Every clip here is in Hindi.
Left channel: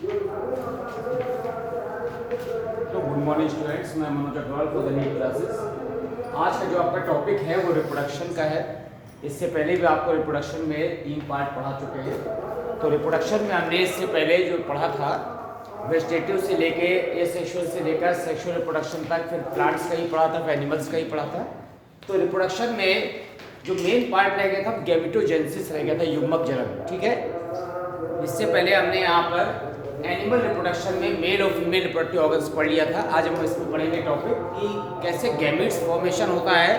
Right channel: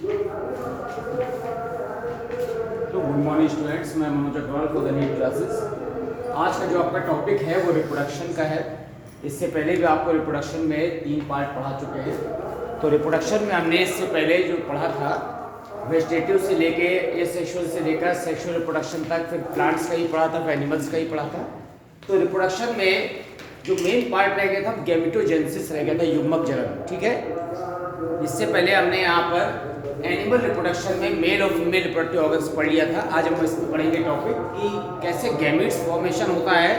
तो गुड मॉर्निंग स्टूडेंट्स, मैं Manoj Agrawal for the NEET classes. आज का जो आपका टॉपिक है वो रिप्रोडक्शन का है। इससे पहले भी आपको रिप्रोडक्शन में 3 पार्ट पढ़ा चुके हैं। तो रिप्रोडक्शन में हमने इससे पहले जो पढ़ा था वेजिटेटिव से लेके एसेक्सुअल से लेकर सेक्सुअल रिप्रोडक्शन तक, फिर प्लांट्स का ही पढ़ा था, फिर एनिमल्स का ही पढ़ा था। तो रिप्रोडक्शन में जो मेन पार्ट रह गया था गैमेटोजेनेसिस रह गया था, युग्मक जनन। ठीक है, इससे पहले हमने यहाँ पर एनिमल रिप्रोडक्शन में मेल और फीमेल रिप्रोडक्टिव ऑर्गन्स पढ़ लिया था। आज हम इसमें पढ़ेंगे टॉपिक कि कैसे गैमीट्स फॉर्मेशन होता है,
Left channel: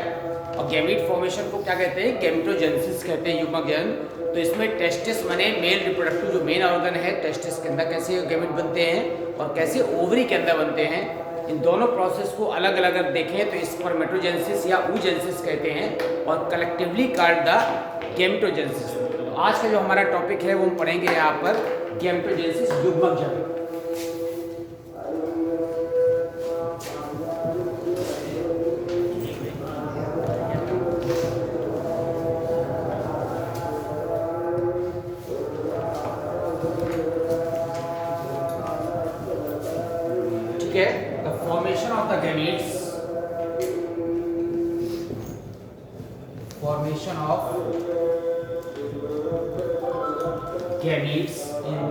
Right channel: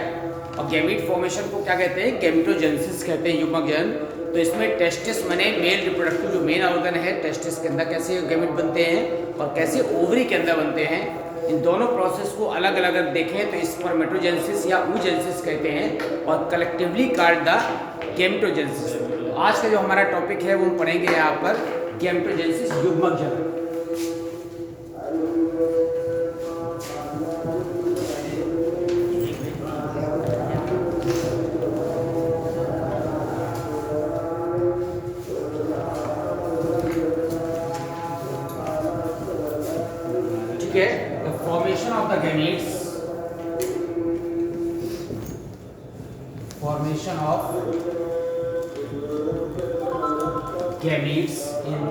और गैमीट फॉर्मेशन को क्या कहते हैं, गैमेटोजेनेसिस कहते हैं, युग्मक जनन। तो इसमें टेस्टिस माने मेल रिप्रोडक्टिव जो मेन ऑर्गन है टेस्टिस के अंदर कैसे गैमीट बनते हैं और कैसे ओवरी के अंदर बनते हैं, इन दोनों प्रोसेस को अलग अलग अगर देखें तो स्पर्मेटोजेनेसिस या oogenesis कहते हैं, और कलेक्टिवली कॉल्ड द गैमेटोजेनेसिस। तो आज का जो हमारा टॉपिक है वो हम पढ़ेंगे यहाँ पर गैमेटोजेनेसिस, युग्मक जनन। ठीक है, the formation of the gametes, formation of gametes in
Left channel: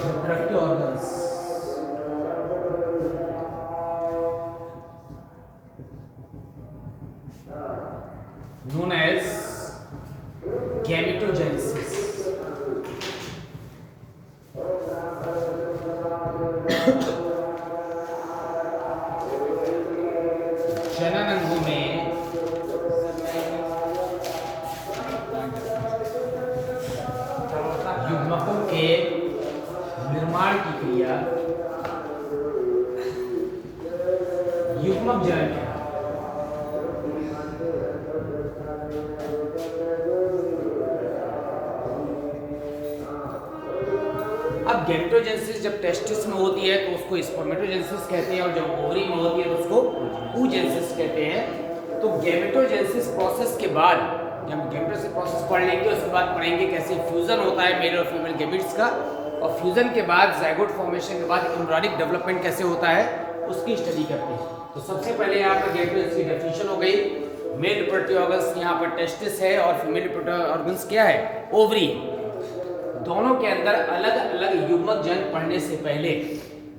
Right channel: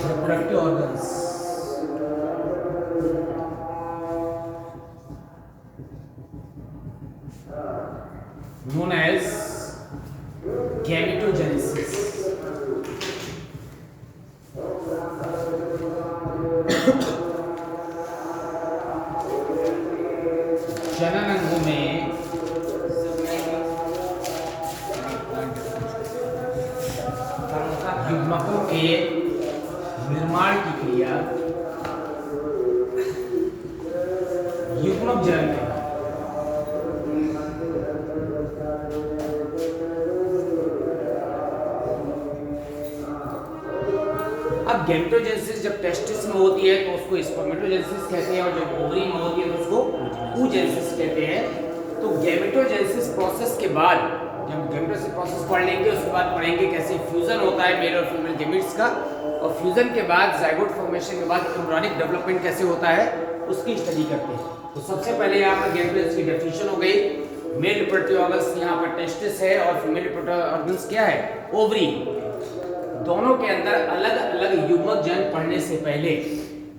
reproductive organs known as gametogenesis। जनन अंगों में युग्मकों के निर्माण की क्रिया युग्मक जनन कहलाती है। अब गैमेटोजेनेसिस जब टेस्टिस में होती है तो उसको स्पर्मेटोजेनेसिस कहते हैं, और जब ओवरी में होती है तो उसको oogenesis कहते हैं। तो गैमेटोजेनेसिस प्रोसेस के बाद गैमेटोजेनेसिस प्रोसेस पढ़ लेंगे, उसके बाद पढ़ेंगे कैसे फ्यूजन होता है मेल और फीमेल गैमेट्स का, और फ्यूजन के बाद ज़ाइगोट फॉर्मेशन के बाद एम्ब्रियोनिक डेवलपमेंट कैसे होता है उसकी स्टडी करते हैं। तो सबसे पहले यहाँ पर गैमेटोजेनेसिस की डेफिनेशन हो गई। मेल रिप्रोडक्टिव ऑर्गन्स यहाँ पर टेस्टिस है और फीमेल रिप्रोडक्टिव ऑर्गन्स क्या है, ओवरी। दोनों के अंदर अलग अलग युग्मक जनन पढ़ने से पहले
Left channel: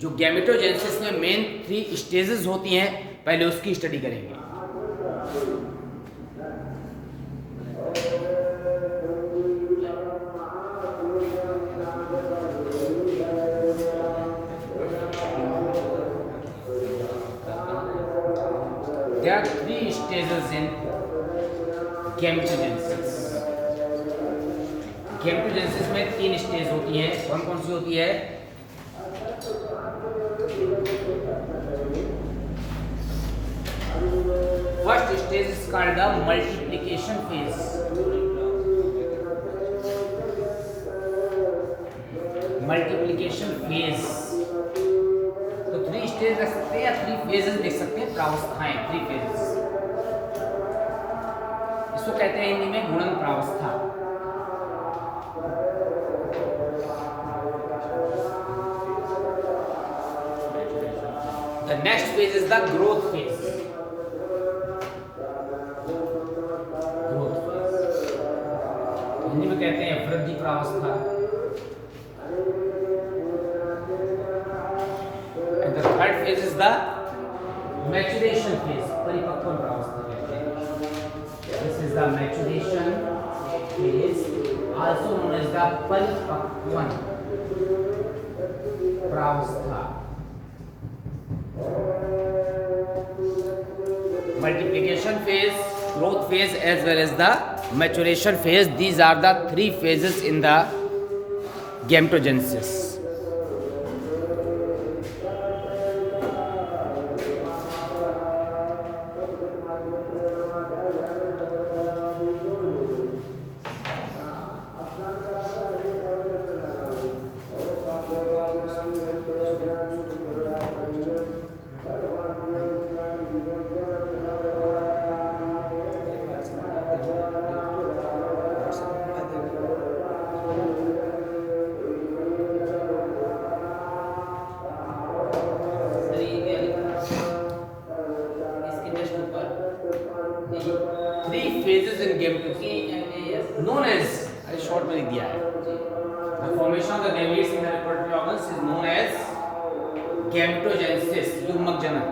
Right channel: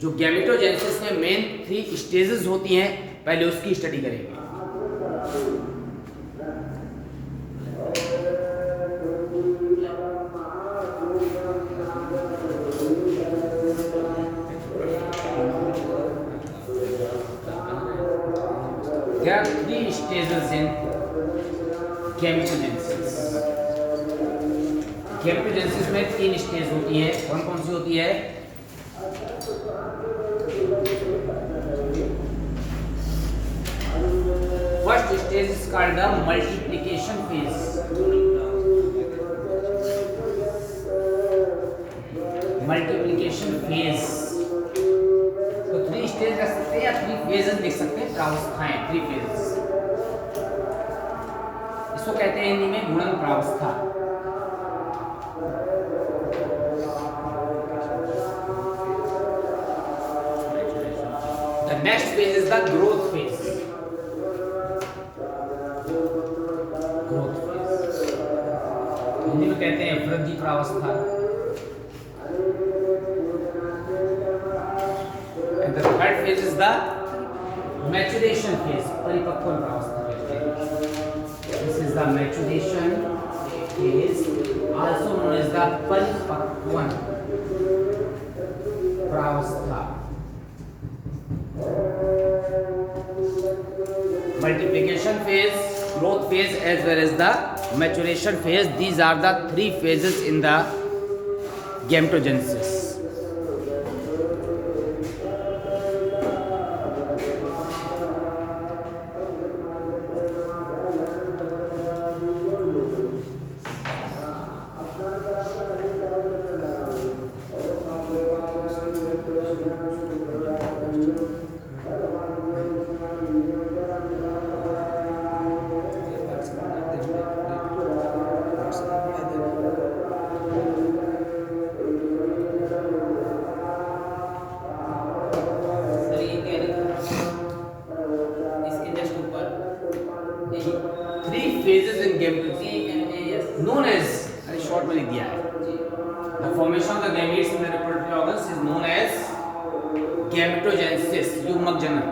जो गैमेटोजेनेसिस में मेन 3 स्टेजेस होती हैं, पहले उसकी स्टडी करेंगे। There are 3 stages in gametogenesis। Gametogenesis में 3 स्टेज होती हैं। कौन कौन सी होती है? First stage is called the multiplication phase. Multiplication phase, तो 3 स्टेज रख सकते हैं या 3 फेजेस लिख सकते हैं, प्रावस्थाएं, 3 फेजेस। इसको कहते हैं हिंदी में गुणन प्रावस्था। The next phase is the growth phase। growth phase Hindi में कहते हैं वृद्धि प्रावस्था। And the third phase is the maturation phase, परिपक्वन प्रावस्था कहते हैं। This is the maturation phase, also known as the परिपक्वन प्रावस्था। Multiplication phase, growth phase as well as the maturation phase, these are the 3 phases in the gametogenesis। Short में लिख दिया है। The formation of the gametes in the reproductive organs is known as gametogenesis, युग्मक जनन।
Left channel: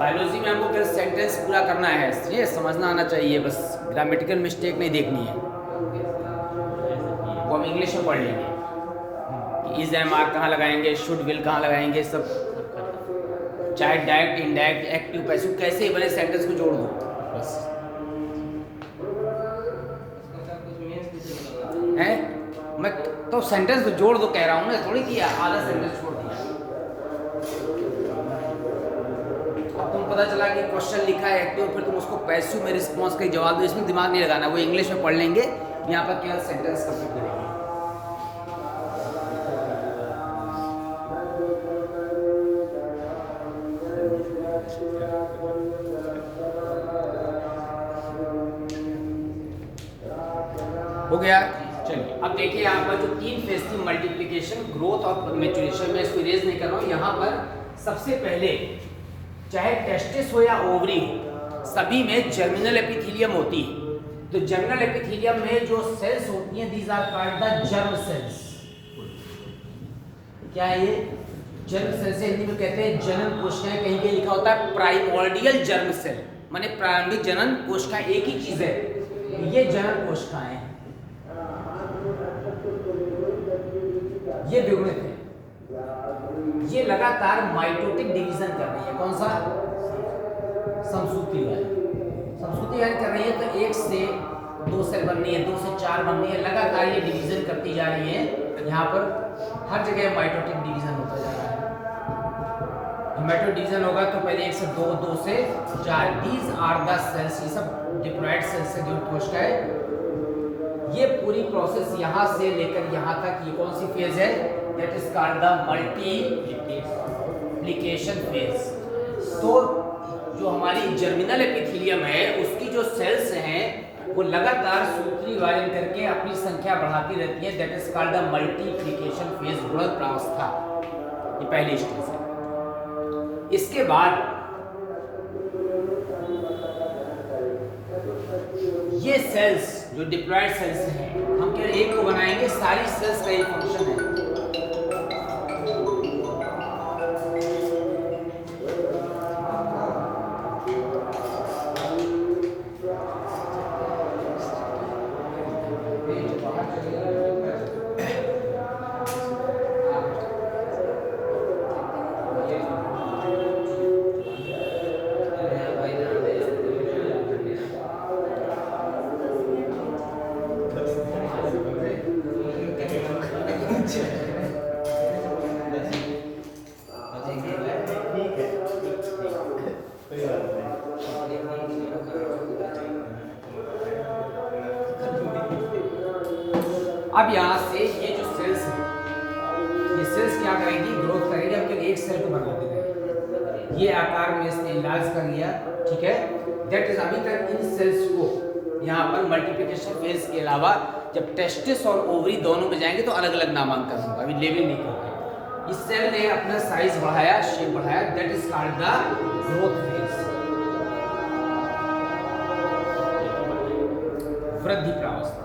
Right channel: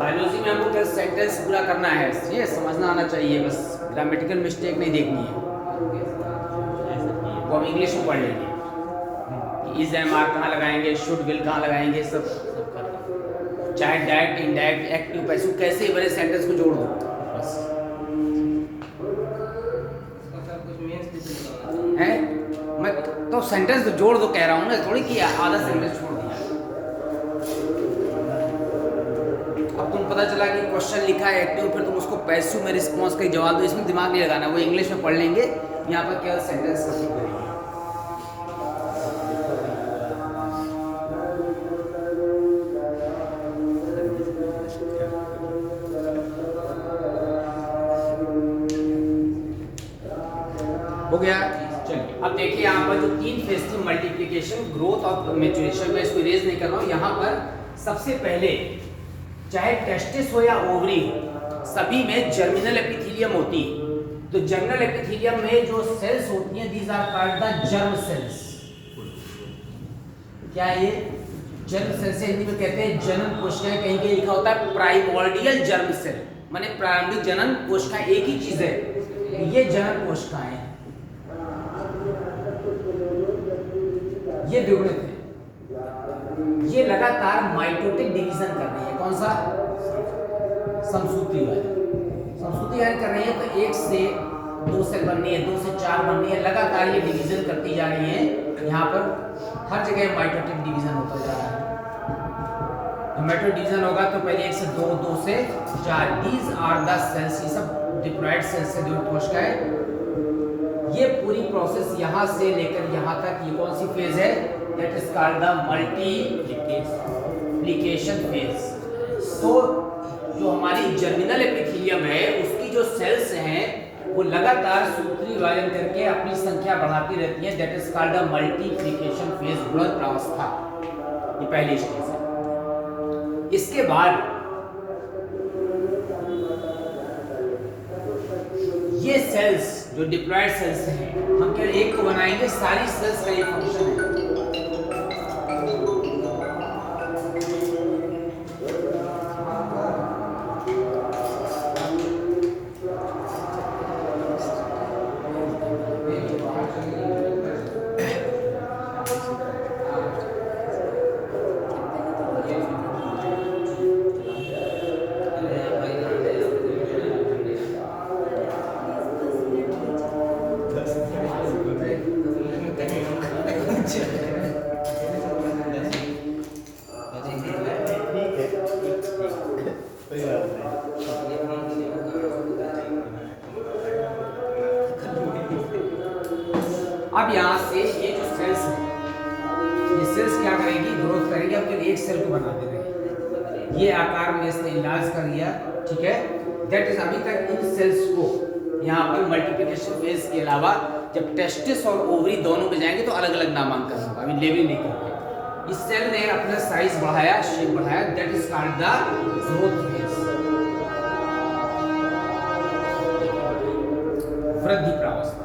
बायोलॉजी में हमको केवल सेंटेंस पूरा करना है, ये समझना आना चाहिए, बस ग्रामेटिकल मिस्टेक नहीं देखनी है। वो हम इंग्लिश में पढ़ लेंगे, इज एम आर कहाँ लगाएंगे, शुड विल कहाँ लगाएंगे, सब चाहे डायरेक्ट इनडायरेक्ट एक्टिव पैसिव कैसे ही बने सेंटेंस को जोड़ दो बस है। मैं तो सेंटेंस तो जोड़ दो कह रहा हूँ ना, थोड़ी कि आधा सेंटेंस छोड़ दिया। अब तुम पता चला कि क्वेश्चन लिखा है एक्टिव, फिर तुम उसको पैसिव में रिस्पॉन्स का जवाब दो, इसमें दिमाग नहीं लगाना, वो इंग्लिश में पढ़ लेंगे, यहाँ पर केवल सेंटेंस कॉपी करेंगे। हो गया। चलिए अब देखिए यहाँ पर जो 3 फेज थी, मल्टीप्लिकेशन, ग्रोथ और मैच्योरेशन, में इसको इरेज नहीं कर रहा हूँ। यहाँ पर सबसे पहले चाहे टेस्टिस हो या ओवरी हो, सभी में जर्मिनल एपिथेलियम होती है। तो जर्मिनल एपिथेलियम में जो सेल्स होती हैं, these are called the germ cells. क्या है ये? जर्म सेल से हिंदी में कहते हैं जनन कोशिकाएं, कहीं कहीं लिखा होता है प्राइमोर्डियल जर्म सेल, माने प्रारंभिक जनन कोशिका, एक ही चीज है, ये जनन कोशिकाएं हैं, ये द्विगुणित है, ये लगातार माइटोटिक डिवीजन कर रही है। कौन सा? समसूत्री समसूत्रीकरण कर रही है, तो 1 से 2 सेल बन रही है, 2 से 4 बन रही है, लगातार ये डिवीजन करती जा रही है। यहाँ पर हर जगह माइटोटिक डिवीजन होता जा रहा है। तो माइटोटिक डिवीजन होगा तो पहले 1 से 2, 2 से 4, दीज आर द सेल्स, ये सब डिप्लॉइड सेल्स से जुड़ी कोशिकाएं। ये पूरी प्रोसेस यहाँ से लेकर यहाँ तक, ये कौन सी फेज है? That is called the multiplication phase. So जो हमारी जर्मिनल एपिथेलियम है, उसकी जो सेल्स हैं वो लगातार सूत्री विभाजन करके अपनी संख्या बढ़ाती रहती है, that is called the multiplication phase, गुणन प्रावस्था। ये पहली स्टेज है। इसके बाद ये सेल्स जो डिप्लॉइड सेल्स हैं, हम केवल एक को बनाएंगे, सारी सेल्स का ये फंक्शन है। अब यहाँ से ये जो सेल्स है, ये सेल्स क्या करेगी? ग्रोथ करेगी। अब केवल एक सेल को बनाते रहे, ये आकार में इसने इलाज कर लिया, ठीक है। दैट इज, अभी तक इन सेल्स को यहाँ पर मल्टीप्लिकेशन फेज के अलावा जब टेस्टिस और ओवरी दोनों पे जाएंगे तो अलग अलग नामांकन होगा, अभी लेवल नहीं कर रहे। इस सेल ने अपना साइज बढ़ाया, शेप बढ़ाया, that is called the growth phase, वृद्धि प्रावस्था।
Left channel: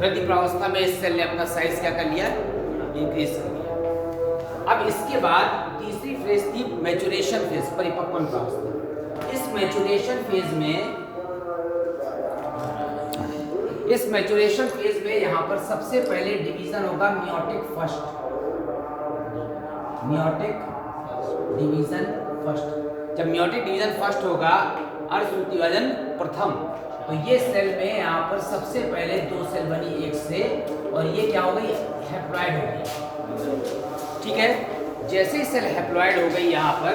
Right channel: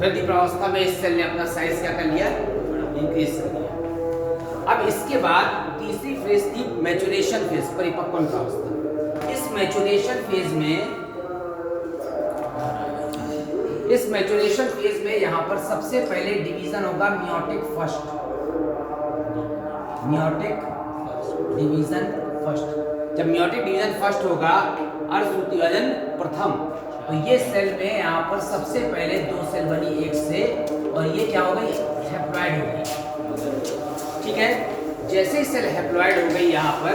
वृद्धि प्रावस्था में इस सेल ने अपना साइज क्या कर लिया? इंक्रीज कर लिया। अब इसके बाद तीसरी फेज थी मैच्योरेशन फेज, परिपक्वन प्रावस्था। इस मैच्योरेशन फेज में यहां पर सबसे पहले डिवीजन होगा meiotic first, meiotic division first. जब मियोटिक डिवीजन फर्स्ट होगा, अर्धसूत्री विभाजन प्रथम, तो ये सेल में यहाँ पर सबसे पहले 2 सेल बनी एक से, और ये क्या हो गई? हैप्लॉइड हो गई, ठीक है। जैसे ही सेल हैप्लॉइड हो गई यहाँ पर,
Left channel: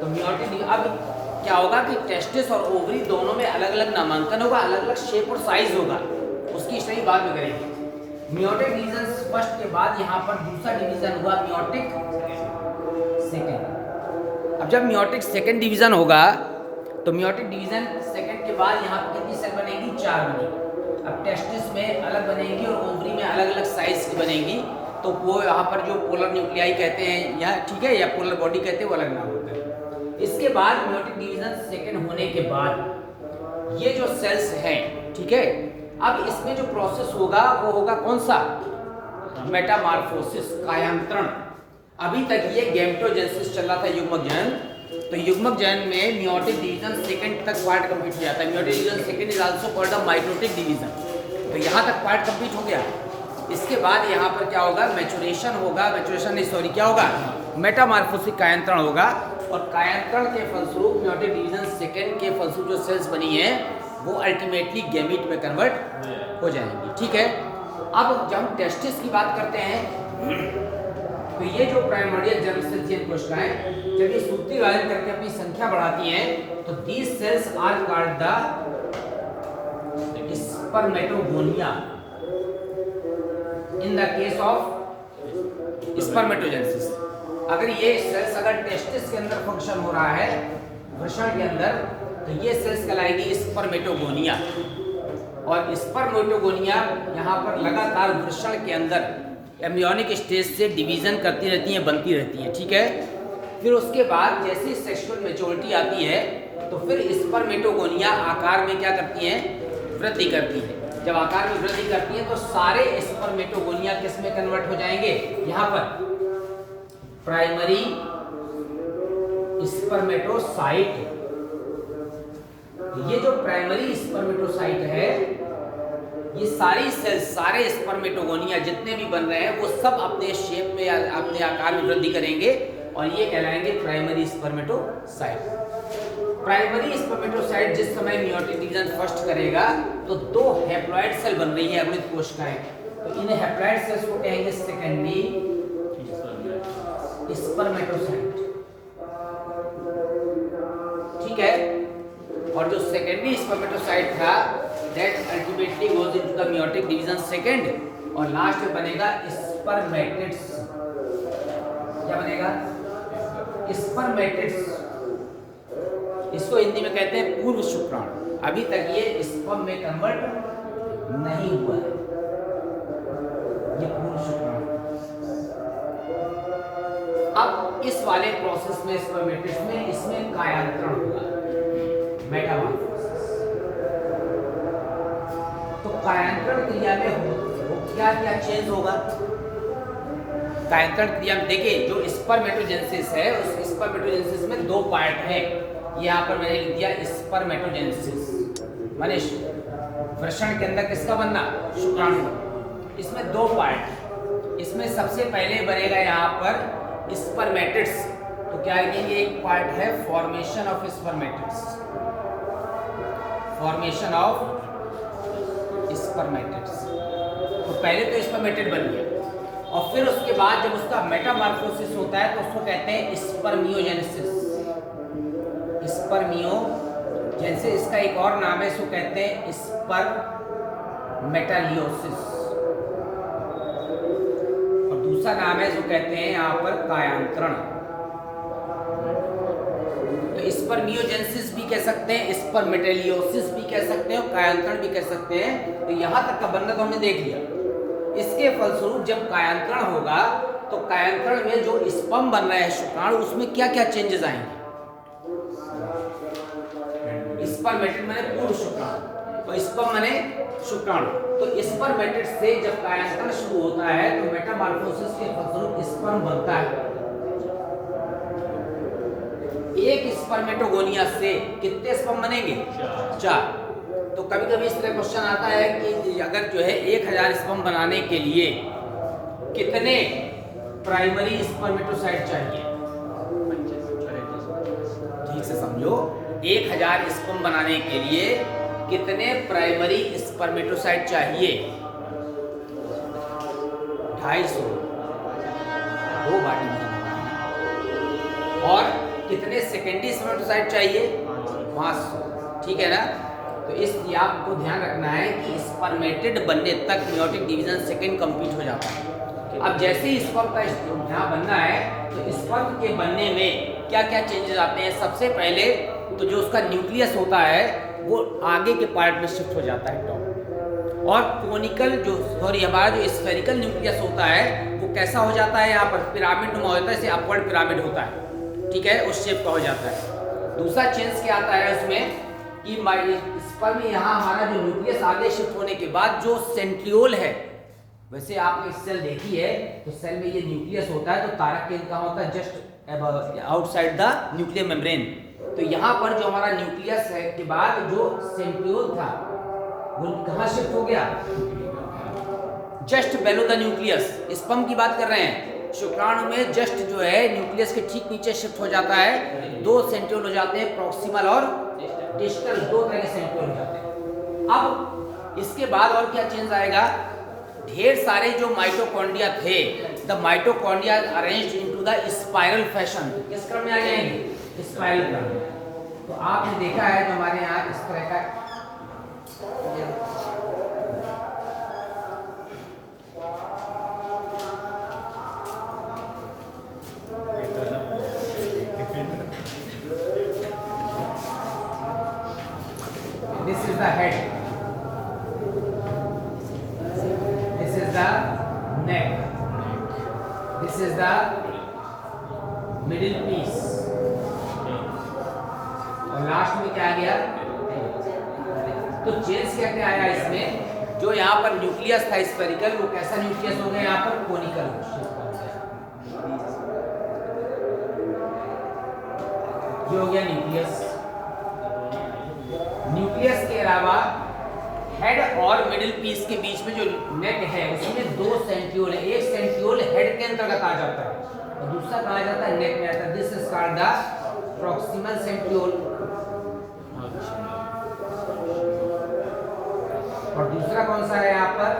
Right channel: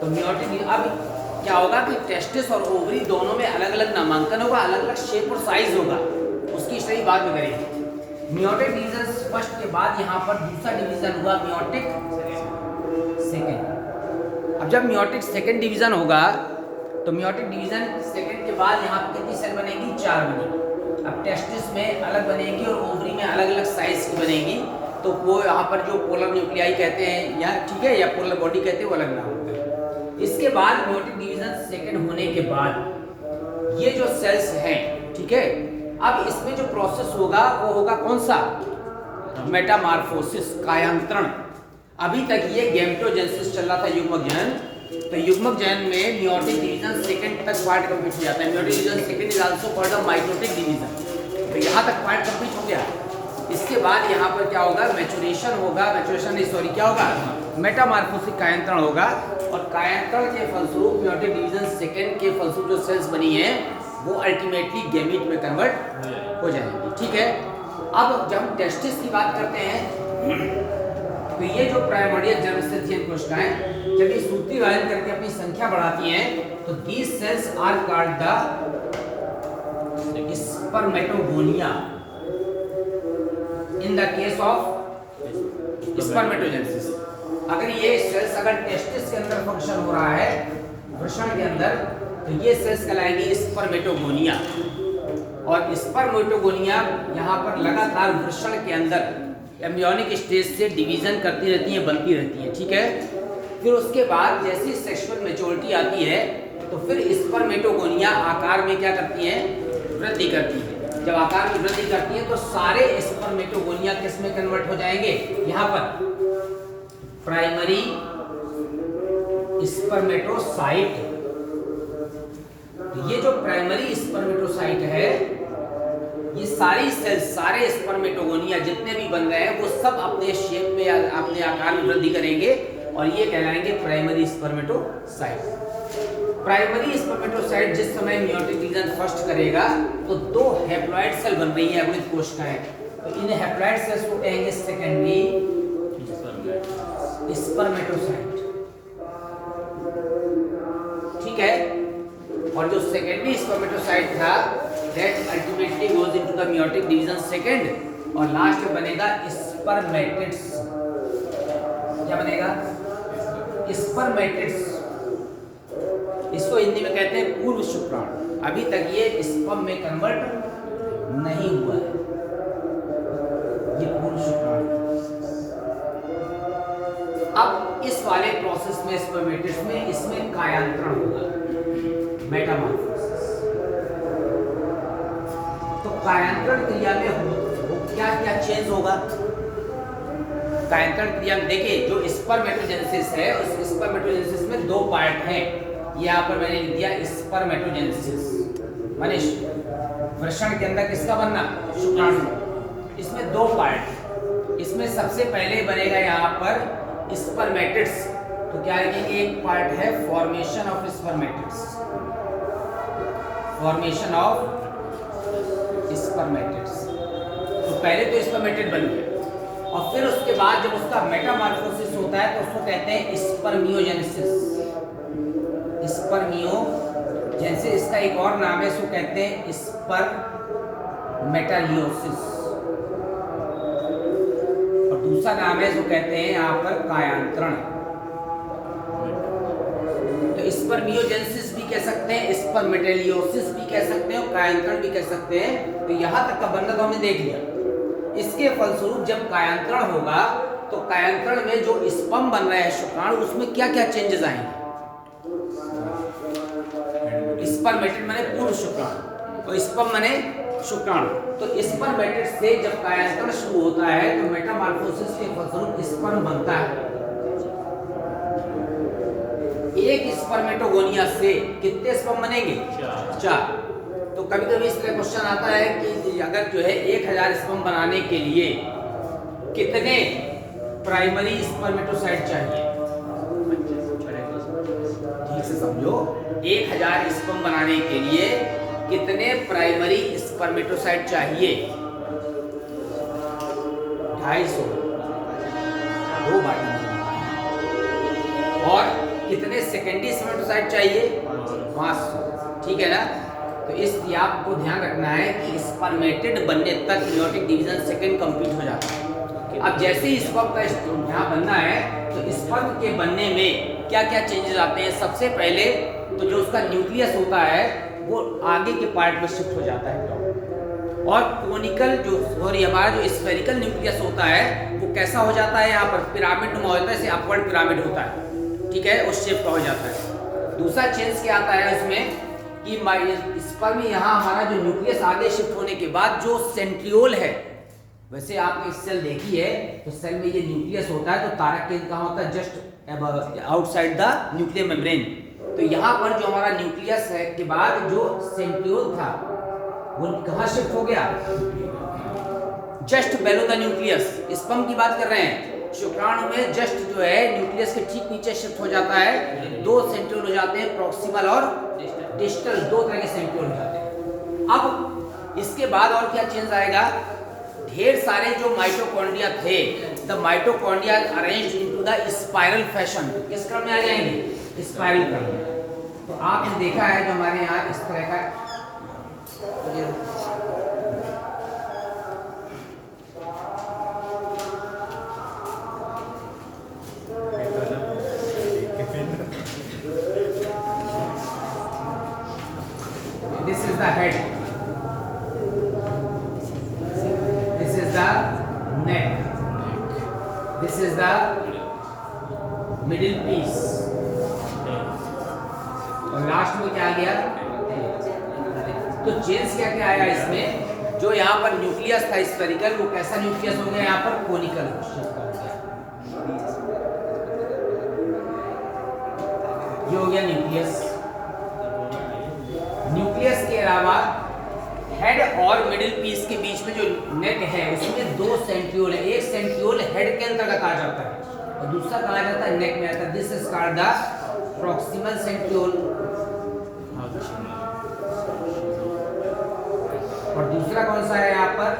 तो मियोटिक, अब क्या होगा कि टेस्टिस और ओवरी दोनों में अलग अलग नामांकन होगा, अलग अलग शेप और साइज होगा, उसकी स्टडी बाद में करेंगे। मियोटिक डिवीजन फर्स्ट के बाद यहाँ पर दूसरा डिवीजन हुआ मियोटिक सेकेंड। अब जब मियोटिक सेकेंड डिवीजन होगा, तो मियोटिक डिवीजन सेकंड के बाद यहाँ पर कितनी सेल बनेगी? 4 बनेगी। अब टेस्टिस में अलग बनेगी और ओवरी में अलग अलग साइज की बनेगी, तो वो यहाँ पर जो पोलर न्यूक्लियाई कहते हैं या, ठीक है, या पोलर बॉडी कहते हैं, वो अलग नाम होता है। इसके बाद मियोटिक डिवीजन सेकंड होने के बाद ये जो सेल्स हैं, ठीक है, अब इसमें जो प्रोसेस होगा वो होगा कौन सा? मेटामॉर्फोसिस, कायांतरण। अभी तक ये गैमेटोजेनेसिस चल रहा था, युग्मक जनन। तो युग्मक जनन में मियोटिक डिवीजन सेकंड तक पार्ट कंप्लीट हो जाता है। Meiotic division second is also called the mitotic division. तो यहाँ तक पार्ट कंप्लीट हो गया। इसके बाद यहाँ पर क्या होगा? मैचुरेशन होगा, मैचुरेशन नहीं सॉरी क्या होगा? मेटामॉर्फोसिस, कायांतरण होगा। और कायांतरण के फलस्वरूप मियोटिक डिवीजन सेकंड के फलस्वरूप जो सेल्स बनी है वो अल्टीमेटली गैमीट में कन्वर्ट हो जाएंगी, ठीक है। अब जब हम टेस्टिस की बात करते हैं तो ये जो प्राइमोर्डियल जर्मसेल्स कोशिकाएं जब ये सूत्री विभाजन करके अपनी संख्या बढ़ाती हैं तो these cells are called the spermatogonia in the case of spermatogenesis. अगर ये सेल्स अगर टेस्टिस के अंदर फंक्शन हो रहा है, वृषण के अंदर, तो ये सेल्स कहलाएंगी स्पर्मेटोगोनिया। और स्पर्मेटोगोनिया यहाँ पर लगातार वृषण के अंदर एम्ब्रियोनिक स्टेज से डिवीजन करती रहती हैं, बनती रहती हैं, ठीक है। फिर उसके बाद जैसी सेक्सुअल मैच्योरिटी आती है तो फिर स्पर्मेटोगोनिया आकार में क्या करती हैं? वृद्धि करती है। जब आकार में वृद्धि करती है तो सारे स्पर्मेटोगोनिया किस में कन्वर्ट हो जाएंगे? यहाँ पर प्राइमरी स्पर्मेटोसाइट। ये जो प्राइमरी स्पर्मेटोसाइट है, ये सारी सेल्स, सारे स्पर्मेटोगोनिया जितने भी बन रहे हैं वो सब अपने शेप में, अपने आकार में वृद्धि करेंगे और ये कहलाएंगे प्राइमरी स्पर्मेटोसाइट। प्राइमरी स्पर्मेटोसाइट जिस समय मियोटिक डिवीजन फर्स्ट करेगा तो दो हैप्लॉइड सेल बन रही है अवृत कोशिकाएं, तो इन हैप्लॉइड सेल्स को कहेंगे सेकेंडरी स्पर्मेटोसाइट, ठीक है। और जो सेकेंडरी स्पर्मेटोसाइट था that ultimately goes into the meiotic division second और लास्ट में बनेगा स्पर्मेटिड्स। क्या बनेगा? स्पर्मेटिड्स। इसको हिंदी में कहते हैं पूर्व शुक्राणु। अभी तक ये स्पर्म में कन्वर्ट नहीं हुआ है, ये पूर्व शुक्राणु। अब इस वाले प्रोसेस में स्पर्मेटिड्स में इसमें कायांतरण होगा, मेटामॉर्फोसिस। तो कायांतरण क्रिया में क्या क्या चेंज होगा? कायांतरण क्रिया में देखिए जो स्पर्मेटोजेनेसिस है, उस स्पर्मेटोजेनेसिस में दो पार्ट हैं। यहाँ पर मैंने लिख दिया स्पर्मेटोजेनेसिस, माने वृषण के अंदर किसका बनना? शुक्राणु। इसमें दो पार्ट। इसमें सबसे पहले बनेगा यहाँ पर स्पर्मेटिड्स। तो क्या लिखेंगे? एक पार्ट है formation of spermatids, formation of spermatids. तो पहले तो स्पर्मेटिड बन गया और फिर उसके बाद जब उसका मेटामॉर्फोसिस होता है तो उसको कहते हैं स्पर्मियोजेनेसिस। स्पर्मियोजेनेसिस, इसका एक और नाम है, इसको कहते हैं स्पर्मेटालियोसिस। और दूसरा नाम है जो कहते हैं यहाँ पर कायांतरण। तो स्पर्मियोजेनेसिस भी कह सकते हैं, स्पर्मेटालियोसिस भी कह सकते हैं और कायांतरण भी कह सकते हैं। तो यहाँ तक का वर्णन तो हमने देख लिया। इसके फलस्वरूप जब कायांतरण होगा तो कायांतरण में जो स्पर्म बन रहा है शुक्राणु, उसमें क्या क्या चेंजेस आएंगे? स्पर्मेटिड माने पूर्व शुक्राणु, तो स्पर्म माने शुक्राणु। तो स्पर्मेटिड से जब कायांतरण शुरू होता है तो मेटामॉर्फोसिस के फलस्वरूप स्पर्म बनता है। एक स्पर्मेटोगोनिया से कितने स्पर्म बनेंगे? 4। तो कभी कभी इस तरह क्वेश्चन आता है कि अगर जो है 1000 स्पर्म बनाने के लिए कितने प्राइमरी स्पर्मेटोसाइट चाहिए? ठीक से समझो, 1000 स्पर्म बनाने के लिए कितने प्राइमरी स्पर्मेटोसाइट चाहिए? 250, 2 बार। और कितने सेकेंडरी स्पर्मेटोसाइट चाहिए? 500, ठीक है ना। तो इसलिए आपको ध्यान रखना है कि स्पर्मेटिड बनने तक मेयोटिक डिवीजन सेकंड कंप्लीट हो जाता है। अब जैसे ही स्पर्म का यहाँ बनना है तो स्पर्म के बनने में क्या क्या चेंजेस आते हैं? सबसे पहले तो जो उसका न्यूक्लियस होता है वो आगे के पार्ट में शिफ्ट हो जाता है और कोनिकल जो हमारा जो स्फेरिकल न्यूक्लियस होता है वो कैसा हो जाता है? यहाँ पर पिरामिड नुमा होता है, इसे अपवर्ड पिरामिड होता है, ठीक है, उस शेप का हो जाता है। दूसरा चेंज क्या आता है उसमें? कि स्पर्म यहाँ हमारा जो न्यूक्लियस आगे शिफ्ट होने के बाद जो सेंट्रियोल है, वैसे आपने सेल देखी है तो सेल में ये न्यूक्लियस होता है, तो तारक केंद्र कहाँ होता है? Just outside the nuclear membrane. तो यहाँ पर जो हमारा न्यूक्लियस है के बाद जो सेंट्रियोल था वो कहाँ शिफ्ट हो गया? Just bellow the nucleus. Sperm की बात कर रहे हैं। शुक्राणु में जस्ट जो है न्यूक्लियस के ठीक नीचे शिफ्ट हो जाता है, दो सेंट्रियोल हो जाते हैं, प्रॉक्सिमल और डिस्टल, दो तरह के सेंट्रियोल हो जाते हैं। अब इसके बाद और क्या चेंज आएगा? ढेर सारे जो माइटोकॉन्ड्रिया थे, the mitochondria arranged into the spiral fashion, किस क्रम में आ जाएंगे? स्पाइरल क्रम में। तो आपने देखा है जो हमारे यहाँ इस तरह का this is the head, this is the neck, this is the middle piece, और लास्ट में क्या आ गया? तो चेंज क्या क्या आया इसमें? जो यहाँ पर न्यूक्लियस था स्फेरिकल, वो कैसा न्यूक्लियस हो गया? यहाँ पर कोनिकल शिफ्ट हो गया। ये हो गया न्यूक्लियस। न्यूक्लियस के अलावा हेड और मिडिल पीस के बीच में जो नेक है उसमें दो सेंट्रियोल है। एक सेंट्रियोल हेड के अंतर्गत आ जाता है और दूसरा कहा जाता है नेक में आता है। This is called the proximal centriole और दूसरा कौन सा है यहाँ पर?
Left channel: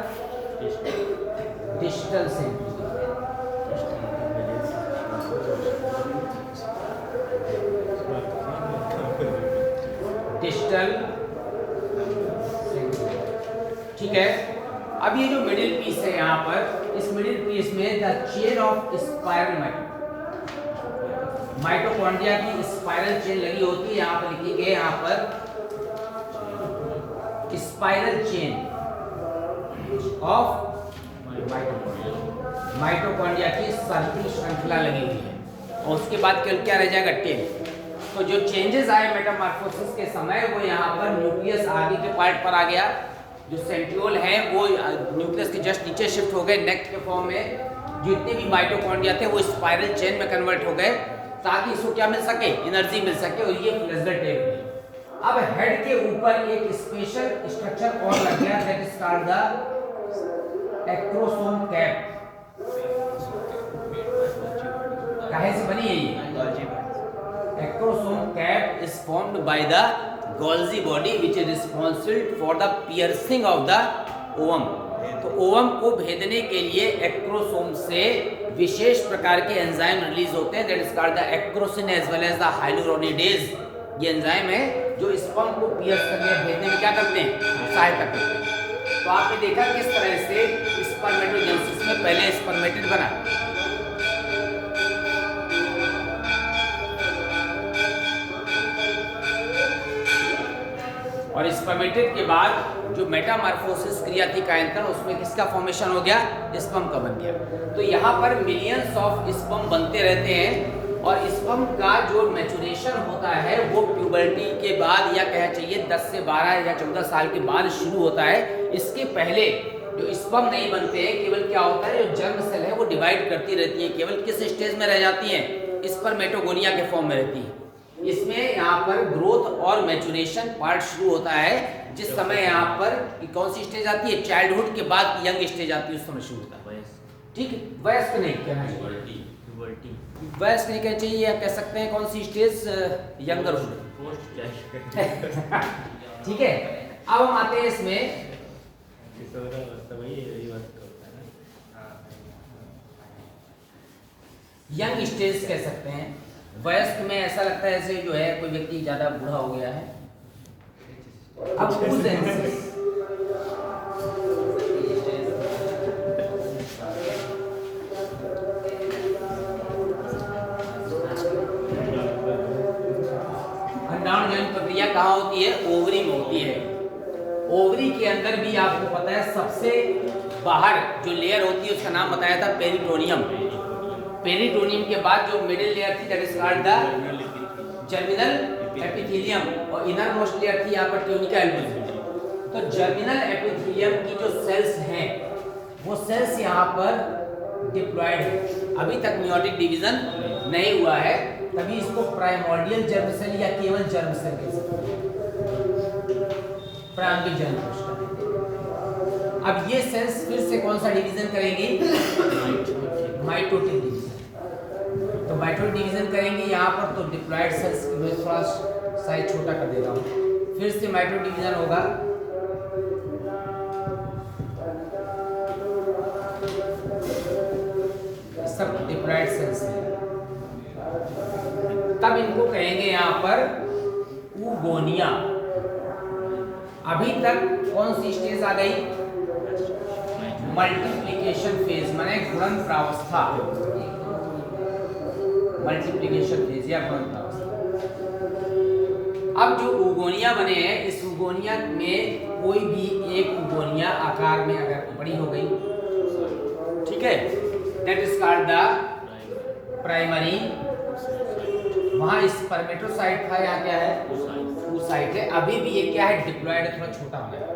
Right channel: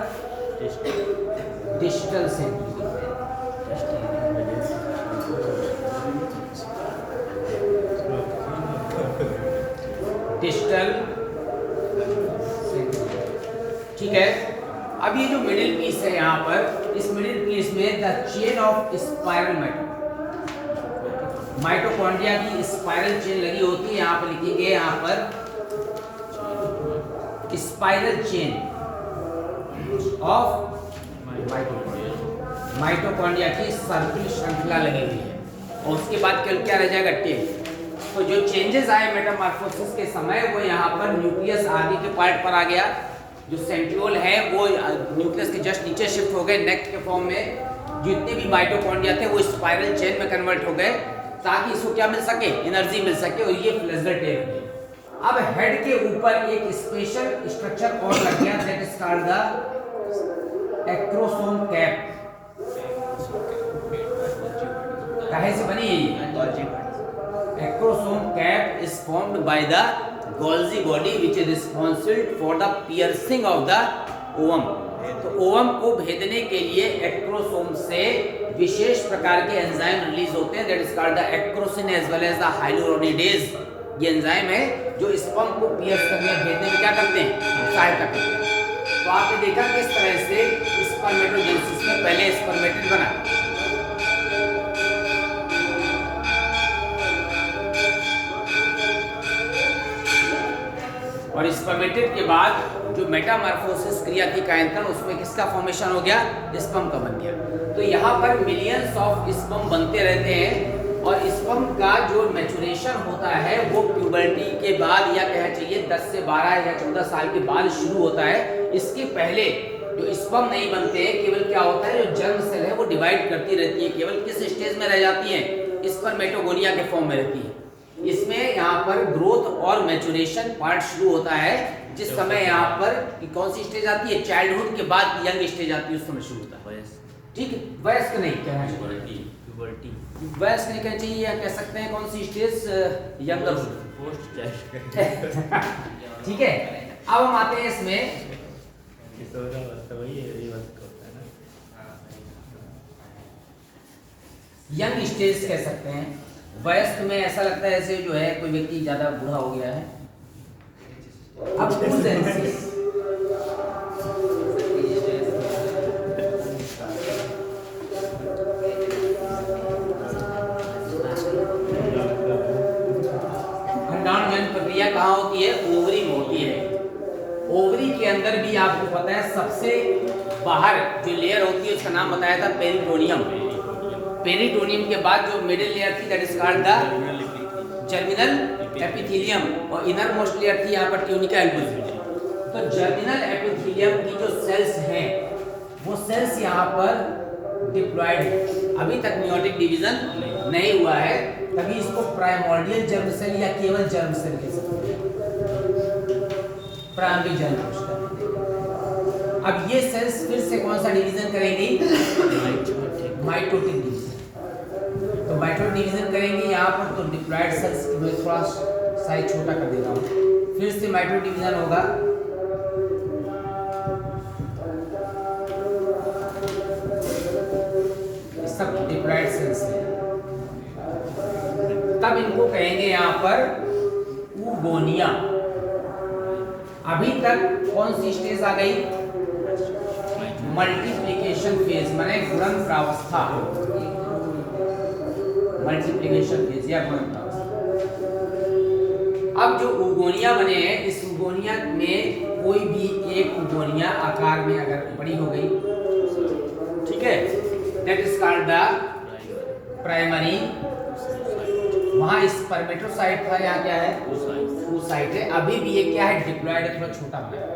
Distal centriole. डिस्टल सेंट्रियोल, ठीक है। अब ये जो मिडिल पीस है यहाँ पर, इस मिडिल पीस में the chain of spiral mitochondria की स्पाइरल चेन लगी होती है। यहाँ पर लिखेंगे, यहाँ पर स्पाइरल चेन ऑफ माइटोकॉन्ड्रिया की सर्पिल श्रृंखला लगी हुई है। और उसके बाद क्या रह जाएगा? टेल। तो जो चेंजेस आए मेटामॉर्फोसिस के समय, वो यहाँ पर न्यूक्लियस आगे के पार्ट पर आ गया। जो सेंट्रियोल है वो न्यूक्लियस के जस्ट नीचे शिफ्ट हो गए नेक के फॉर्म में। जितने भी माइटोकॉन्ड्रिया थे वो स्पाइरल चेन में कन्वर्ट हो गए ताकि इसको क्या मिल सके? एनर्जी मिल सके, और ये फ्लैजेलेट टेल। अब हेड के ऊपर एक स्पेशल स्ट्रक्चर और लग गया, that is called the acrosome cap. काहे से बनी है ये? Acrosome cap is formed by the Golgi body which is responsible for the piercing of the ovum। तो ओवम को भेदने के लिए एक्रोसोम से विशेष प्रकार के एंजाइम रिलीज होते हैं, that is called the acrosin as well as the hyaluronidase. ये एंजाइम है जो स्पर्म को पियर्स करने या भेदने में क्या करते हैं? सहायता करते हैं। तो आपने देखा किस तरह से स्पर्मेटोजेनेसिस में पहले स्पर्मेटिड बना, और स्पर्मेटिड के बाद जो मेटामॉर्फोसिस क्रिया थी कायंथन, उसमें किसका फॉर्मेशन हो गया? स्पर्म का बन गया। तो यहाँ पर मिलियंस ऑफ स्पर्म बनते रहते हैं, और स्पर्म का जो मैचुरेशन होता है वो प्यूबर्टी के बाद, या कहना चाहिए 10 से 12 या 14 साल के बाद शुरू होता है। इसके पहले जो स्पर्म नहीं बनते हैं, केवल क्या होता है, जो जर्म सेल है वो डिवाइड करती रहती है। केवल किस स्टेज में रह जाती है? स्पर्मेटोगोनिया के फॉर्म में रहती है। इसमें यहाँ पर ग्रोथ और मैचुरेशन पार्ट शुरू होता है, जिस समय यहाँ पर कौन सी स्टेज आती है? चाइल्डहुड के बाद यंग स्टेज आती है, उस समय शुरू होता है। ठीक है, वयस्क नहीं कहना चाहिए, वयस्क नहीं कहना चाहिए, या कह सकते हैं कौन सी स्टेज? यंगर। ठीक है, अब हम आते हैं इसमें यंग स्टेज कह सकते हैं। वयस्क में ऐसा लगता है जैसे जो है कोई व्यक्ति ज्यादा बूढ़ा हो गया है। अब अंडाणु जन्म प्रक्रिया कहाँ होती है? ओवरी में होती है। ओवरी के अंदर भी आपको पता है सबसे बाहर जो लेयर होती है उसका नाम बताया था पेरिटोनियम। पेरिटोनियम के बाद जो मिडिल लेयर थी that is called the germinal epithelium और इनर मोस्ट लेयर थी यहाँ पर ट्यूनिका एल्बोजियम। तो जर्मिनल एपिथेलियम की जो सेल्स हैं वो सेल्स यहाँ पर डिप्लॉयड है, अभी तक मियोटिक डिवीजन नहीं हुआ है, तभी इसको प्राइमोर्डियल जर्म सेल या केवल जर्म सेल कह सकते हैं, प्रारंभिक जर्म कोशिका। अब ये सेल्स फिर से कौन सा डिवीजन करेंगी? Mitotic division. तो माइटोटिक डिवीजन करेंगे यहाँ पर, तो डिप्लॉयड सेल्स मैं थोड़ा साइज छोटा कर दे रहा हूँ, फिर से माइटोटिक डिवीजन होगा। सब डिप्लॉयड सेल्स हैं, तब इनको कहेंगे यहाँ पर ऊगोनिया। अभी तक कौन सी स्टेज आ गई? मल्टीप्लिकेशन फेज, माने गुणन प्रावस्था, मल्टीप्लिकेशन फेज या गुणन प्रावस्था। अब जो ऊगोनिया बने हैं, इस ऊगोनिया में कोई भी एक ऊगोनिया आकार में अगर बड़ी हो गई, ठीक है, that is called the primary. वहां स्पर्मेटोसाइट था, यहाँ क्या है? oocyte है। अभी भी ये क्या है? डिप्लॉयड है, थोड़ा छोटा बना है।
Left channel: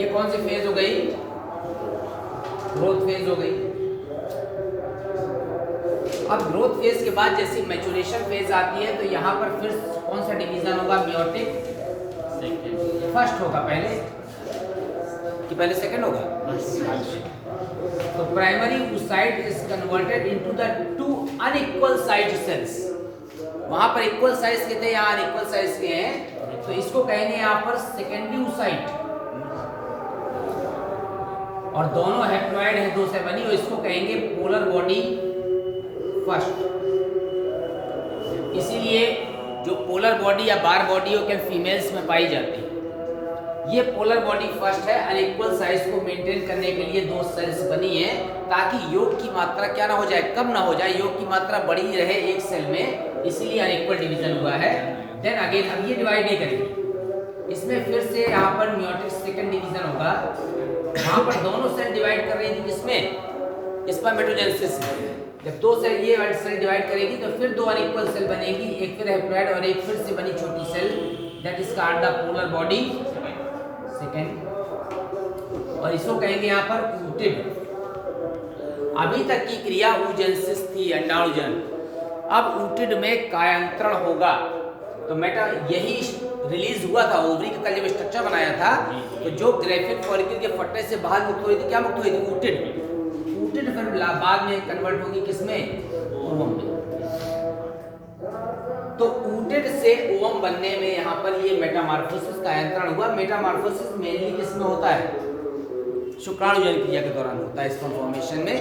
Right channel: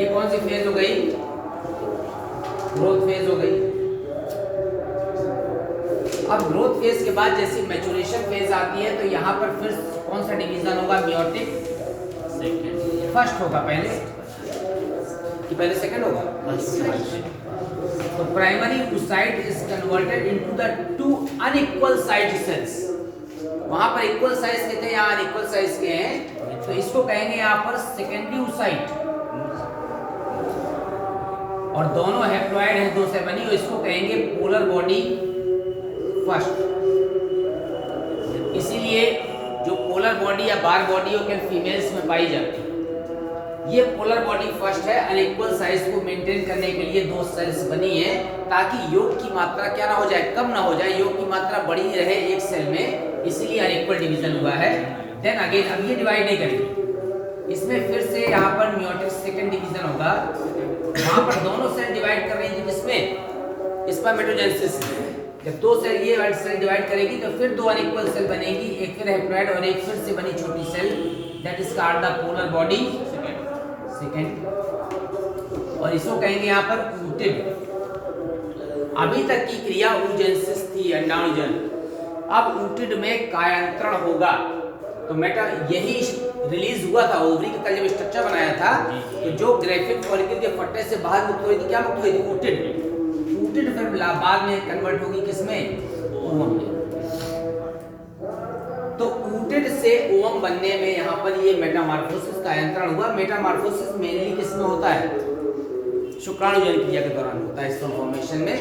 ये कौन सी फेज हो गई? ग्रोथ फेज हो गई। अब ग्रोथ फेज के बाद जैसे मैच्योरेशन फेज आती है, तो यहाँ पर फिर कौन सा डिवीजन होगा? मियोटिक फर्स्ट होगा पहले कि पहले सेकंड होगा? तो primary oocyte is converted into the two unequal size cells. वहां पर इक्वल साइज के थे, यहाँ अनइक्वल साइज के हैं, तो इसको कहेंगे यहाँ पर सेकेंडरी oocyte। और दोनों हैप्लॉइड हैं, दो से बनी, और इसको कहेंगे पोलर बॉडी फर्स्ट। इसीलिए जो पोलर बॉडी या बार बॉडी हो क्या फीमेल्स में पाई जाती है, ये पोलर बॉडी फर्स्ट है। अनइक्वल साइज को मेंटेन करने के लिए दो सेल्स बनी है, ताकि योग की मात्रा क्या ना हो जाए, कम ना हो जाए, योग की मात्रा बड़ी रहे एक सेल में, इसलिए अनइक्वल डिवीजन हुआ है। देन अगेन अब ये डिवाइड नहीं करेंगे, इसमें फिर से यहाँ पर मियोटिक सेकंड डिवीजन होगा। वहां पर दोनों सेल डिवाइड कर रही है, किसमें? स्पर्मेटोजेनेसिस। जब दो सेल ये वाली सेल डिवाइड करेगी तो फिर दो अनइक्वल सेल बनेगी, एक फिर हैप्लॉइड और एक फिर से बनी छोटी cell, that is called the polar body second. और इसको कहेंगे यहाँ पर ऊटिड। अभी तक की क्रिया oogenesis थी, अंडाणुजन। अब ऊटिड में कायांतरण होगा, तो मेटा यही रिलीज हुआ था ओवरी का कल जब स्ट्रक्चर बनाया था, तो जो ग्रेफिक फॉलिकल के फट्टे से बाहर मुक्त हुई थी, क्या मुक्त हुई थी? ऊटिड। ऊटिड फिर बाद में कन्वर्ट होगी किसमें? ओवम में। तो ऊटिड से ओवम बनने में यहाँ पर ये मेटामॉर्फोसिस का कायांतरण हुआ। मेटामॉर्फोसिस मेनली किसमें होता है? शुक्राणुजन क्रिया के दौरान होता है। स्पर्म फॉर्मेशन में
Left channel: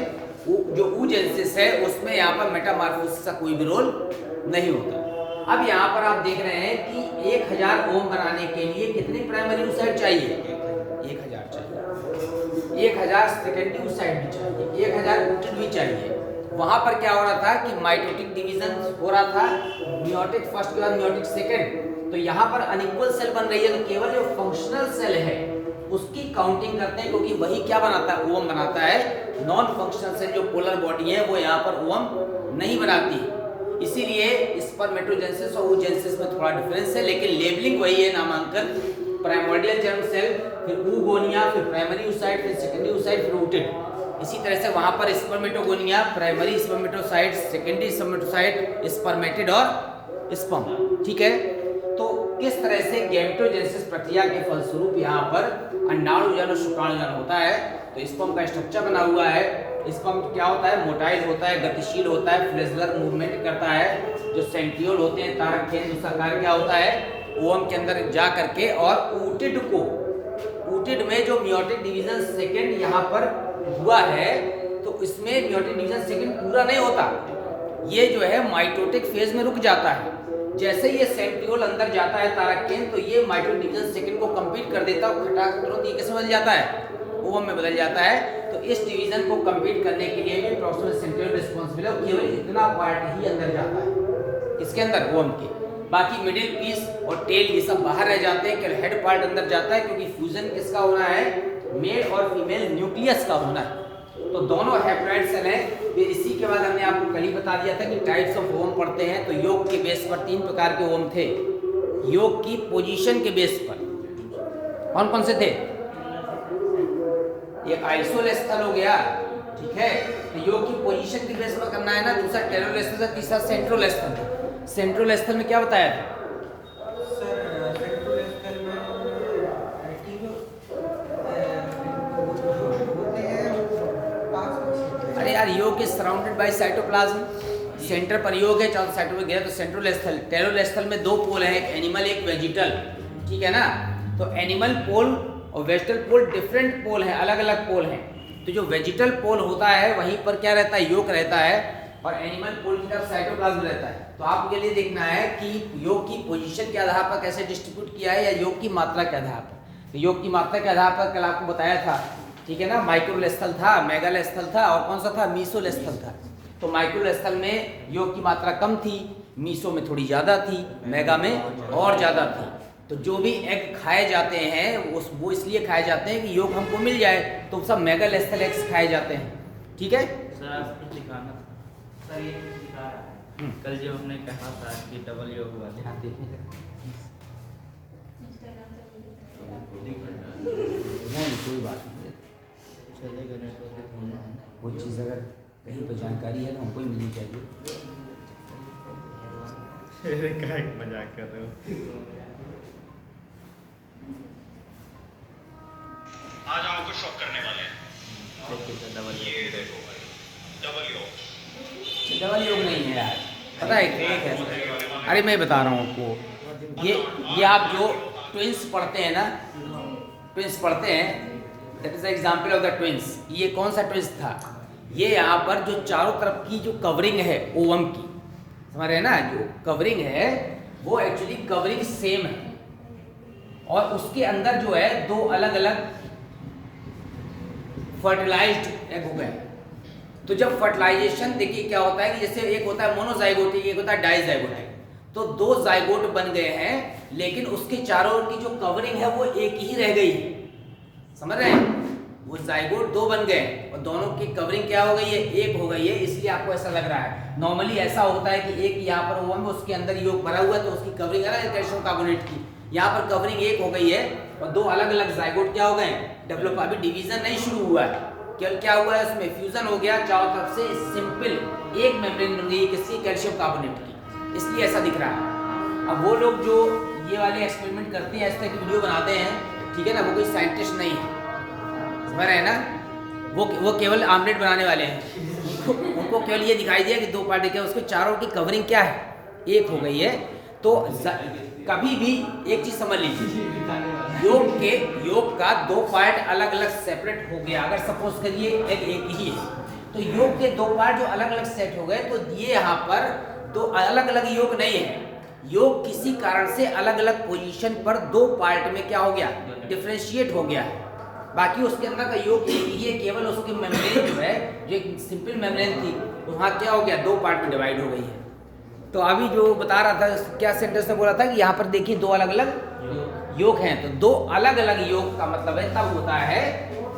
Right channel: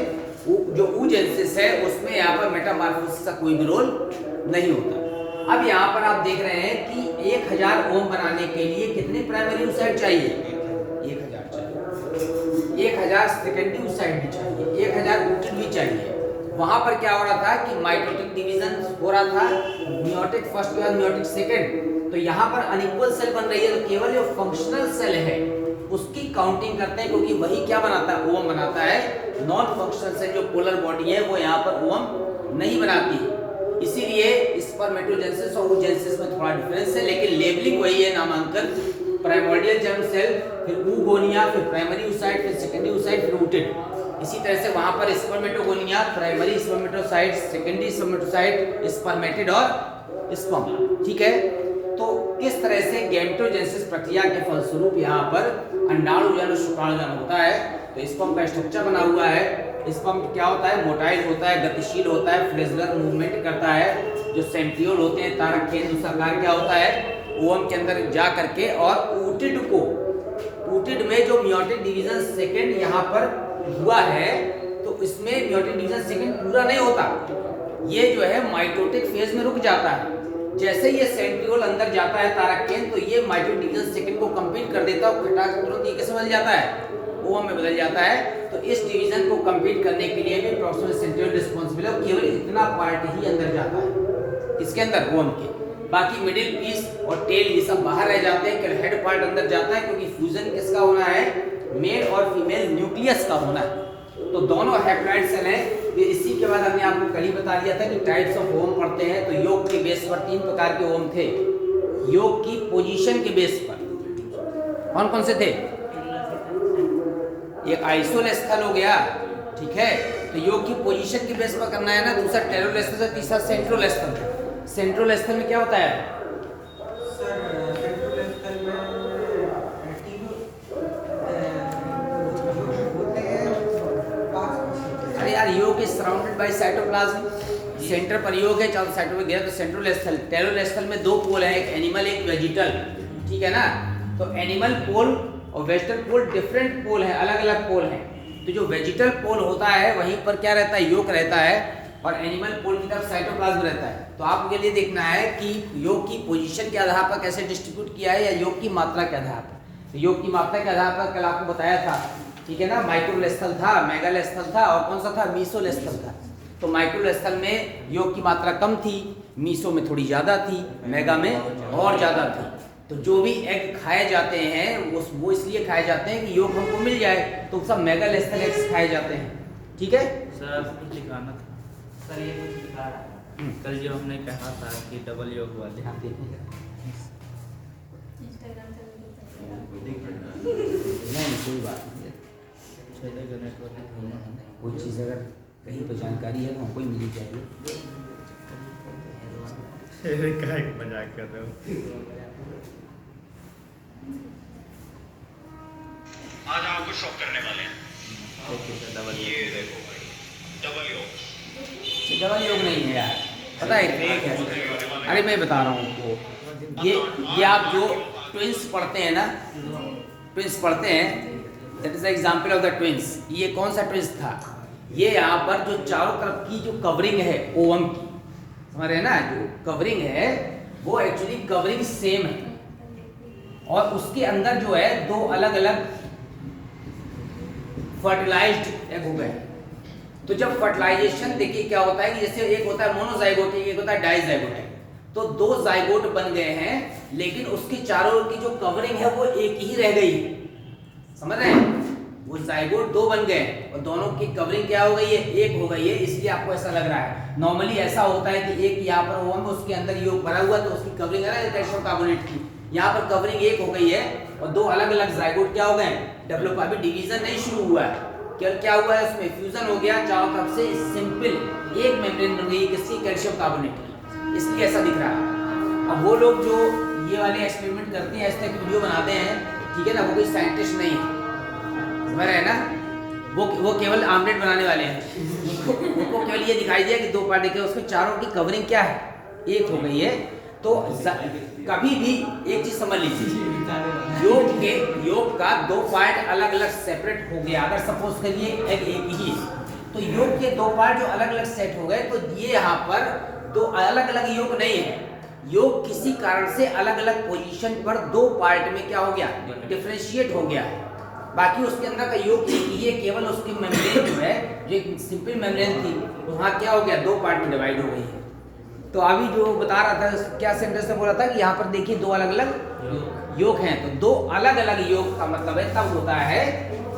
जो oogenesis है उसमें यहाँ पर मेटामॉर्फोसिस का कोई भी रोल नहीं होता। अब यहाँ पर आप देख रहे हैं कि 1000 ओम बनाने के लिए कितने प्राइमरी oocyte चाहिए? 1000 चाहिए, 1000 सेकेंडरी oocyte भी चाहिए, 1000 ऊटिड भी चाहिए। वहां पर क्या हो रहा था कि माइटोटिक डिवीजन हो रहा था, मियोटिक फर्स्ट के बाद मियोटिक सेकंड। तो यहाँ पर अनइक्वल सेल बन रही है, तो केवल जो फंक्शनल सेल है उसकी काउंटिंग करते हैं, क्योंकि वही क्या बनाता है? ओवम बनाता है। नॉन फंक्शनल सेल जो पोलर बॉडी है वो यहाँ पर ओवम नहीं बनाती। इसीलिए स्पर्मेटोजेनेसिस और oogenesis में थोड़ा डिफरेंस है, लेकिन लेबलिंग वही है, नामांकन। प्राइमोर्डियल जर्म सेल, फिर ऊगोनिया, फिर प्राइमरी oocyte, फिर सेकेंडरी oocyte, फिर ऊटिड। इसी तरह से वहां पर spermatogonia, primary spermatocyte, secondary spermatocyte, spermatid और स्पर्म। ठीक है, तो किस तरह से गैमेटोजेनेसिस प्रक्रिया के फलस्वरूप यहाँ पर अंडाणुजन और शुक्राणुजन होता है। तो स्पर्म का स्ट्रक्चर बना हुआ है। स्पर्म क्या होता है? मोटाइल होता है, गतिशील होता है, फ्लैजेलर मूवमेंट करता है। जो सेंट्रियोल होते हैं, तारक केंद्र, उसका कार्य क्या होता है? ओवम के अंदर जा करके, और ऊटिड को, ऊटिड में जो मियोटिक डिवीजन सेकंड यहाँ पर हुआ है, तो इसमें मियोटिक डिवीजन सेकंड पूरा नहीं होता, ये जो है माइटोटिक फेज में रुक जाता है। जैसे ये सेंट्रियोल अंदर जाता है तारक केंद्र, तो ये माइटोटिक डिवीजन सेकंड को कंप्लीट कर देता है और खटाक तुरंत ये कैसे बदल जाता है? ओवम में बदल जाता है। तो इस डिवीजन को कंप्लीट करने के लिए भी प्रॉक्सिमल सेंट्रियोल रिस्पांसिबल है, केवल इतना पार्ट ही अंदर जाता है इसके अंदर ओवम के, बाकी मिडिल पीस और टेल ये सब बाहर रह जाते हैं। हेड पार्ट अंदर जाता है, क्योंकि फ्यूजन किसका होना है? मेल और फीमेल न्यूक्लियस का होना है। तो दोनों हैप्लॉइड सेल हैं। तो इसी के बाद हमने आपको कल ही बता दिया था कि टाइप्स ऑफ ओम पढ़ते हैं तो योग के बेस पर 3 प्रकार के ओम थे। योग की पोजीशन के बेस पर कौन कौन से थे? एक आइसोलेस्थल हो गया, ठीक है, तो योग की पोजीशन के बेस पर करना है ना। दूसरा टेरोलेस्थल है, तीसरा सेंट्रोलेस्थल। सेंट्रोलेस्थल में क्या बताया था? अरे यार, योग is surrounded by cytoplasm. Centre पर योग है, चारों साइडों में गया तो सेंट्रोलेस्थल। टेरोलेस्थल में 2 पोल हैं, एक एनिमल एक वेजिटल, ठीक है ना। तो एनिमल पोल और वेजिटल पोल डिफरेंट पोल हैं, अलग अलग पोल हैं। तो जो वेजिटल पोल होता है वहीं पर क्या रहता है? योग रहता है, और एनिमल पोल की तरफ साइटोप्लाज्म रहता है। तो आपके लिए देखना है कि योग की पोजीशन के आधार पर कैसे डिस्ट्रीब्यूट किया है या योग की मात्रा के आधार पर। तो योग की मात्रा के आधार पर कल आपको बताया था, ठीक है ना। माइक्रोलेस्थल था, मेगालेस्थल था और कौन सा था? मीसोलेस्थल था। तो माइक्रोलेस्थल में योग की मात्रा कम थी, मीसो में थोड़ी ज़्यादा थी, मेगा में और ज़्यादा थी। तो जो भी एग खाए जाते हैं वो इसलिए खाए जाते हैं कि योग हमको मिल जाए, तो सब मेगालेस्थल एग्स खाए जाते हैं, ठीक है। सर आपको कुछ दिखाना था सर, ये कुछ दिखा रहा है। कल जब हमने कहा था कि डबल योग वाले, नहीं कोई बात नहीं, कोई चीज़ अगर कहीं पर जानकारी है तो हमको ही मिलनी चाहिए। मजाक कर रहे हो। आज हम आपको शॉक करने वाले हैं। ये देखो भाई, डबल योग। डबल योग नहीं है यार, पता है एक है। अरे मैं बता रहा हूँ आपको, ये आप जो ट्विंस पढ़ते हैं ना, ट्विंस पढ़ते हैं, that is the example of the twins. ये कौन सा ट्विंस था? ये यहाँ पर जो चारों तरफ की जो कवरिंग है ओम की, समझ रहे हैं ना, जो कवरिंग है वो एक्चुअली कवरिंग सेम है, और उसके अंदर जो है 2 अलग अलग फर्टिलाइज्ड एग हो गए। तो जब फर्टिलाइजेशन देखिए क्या होता है कि जैसे एक होता है मोनोजाइगोटिक, एक होता है डाइजाइगोटिक। तो 2 जाइगोट बन गए हैं, लेकिन उसके चारों ओर की जो कवरिंग है वो एक ही रह गई, समझ रहे हैं। वो जाइगोट 2 बन गए और दोनों की कवरिंग क्या हो गई है? एक हो गई है, इसलिए आपको ऐसा लग रहा है। नॉर्मली ऐसा होता है कि एक यहाँ पर ओम है, उसके अंदर योग भरा हुआ है, तो उसकी कवरिंग है ना कैल्शियम कार्बोनेट की, यहाँ पर कवरिंग एक हो गई है और 2 अलग अलग जाइगोट क्या हो गए? डेवलप। अभी डिवीजन नहीं शुरू हुआ है, क्या हुआ है? उसमें फ्यूजन हो गया, चारों तरफ से सिंपल एक मेम्ब्रेन बन गई किसकी? कैल्शियम कार्बोनेट की, इसलिए ऐसा दिख रहा है। अब वो लोग जो ये वाले एक्सपेरिमेंट करते हैं, ऐसे वीडियो बनाते हैं, ठीक है ना, वो कोई साइंटिस्ट नहीं है, समझ रहे हैं ना। वो केवल आमलेट बनाने वाले हैं। उनको केवल ये दिखाई दिया कि 2 पार्ट देखे, उसके चारों की कवरिंग क्या है? एक हो गई है। तो कभी भी एक चीज समझ लीजिए, योग का 2 पार्ट अलग अलग सेपरेट हो गया, अगर सपोज करिए एग एक ही है, तो योग के 2 पार्ट जो अलग अलग सेट हो गए, तो ये यहाँ पर 2 अलग अलग योग नहीं है। योग किसी कारण से अलग अलग पोजीशन पर 2 पार्ट में क्या हो गया? डिफरेंशिएट हो गया। बाकी उसके अंदर का योग एक ही है, केवल उसकी मेम्ब्रेन जो है, जो एक सिंपल मेम्ब्रेन थी, तो वहाँ क्या हो गया? 2 पार्ट में डिवाइड हो गई है। तो अभी जो बता रहा था, क्या सेंटेंस में बोला था कि यहाँ पर देखिए 2 अलग अलग योग हैं। तो 2 अलग अलग योग का मतलब है तब होता है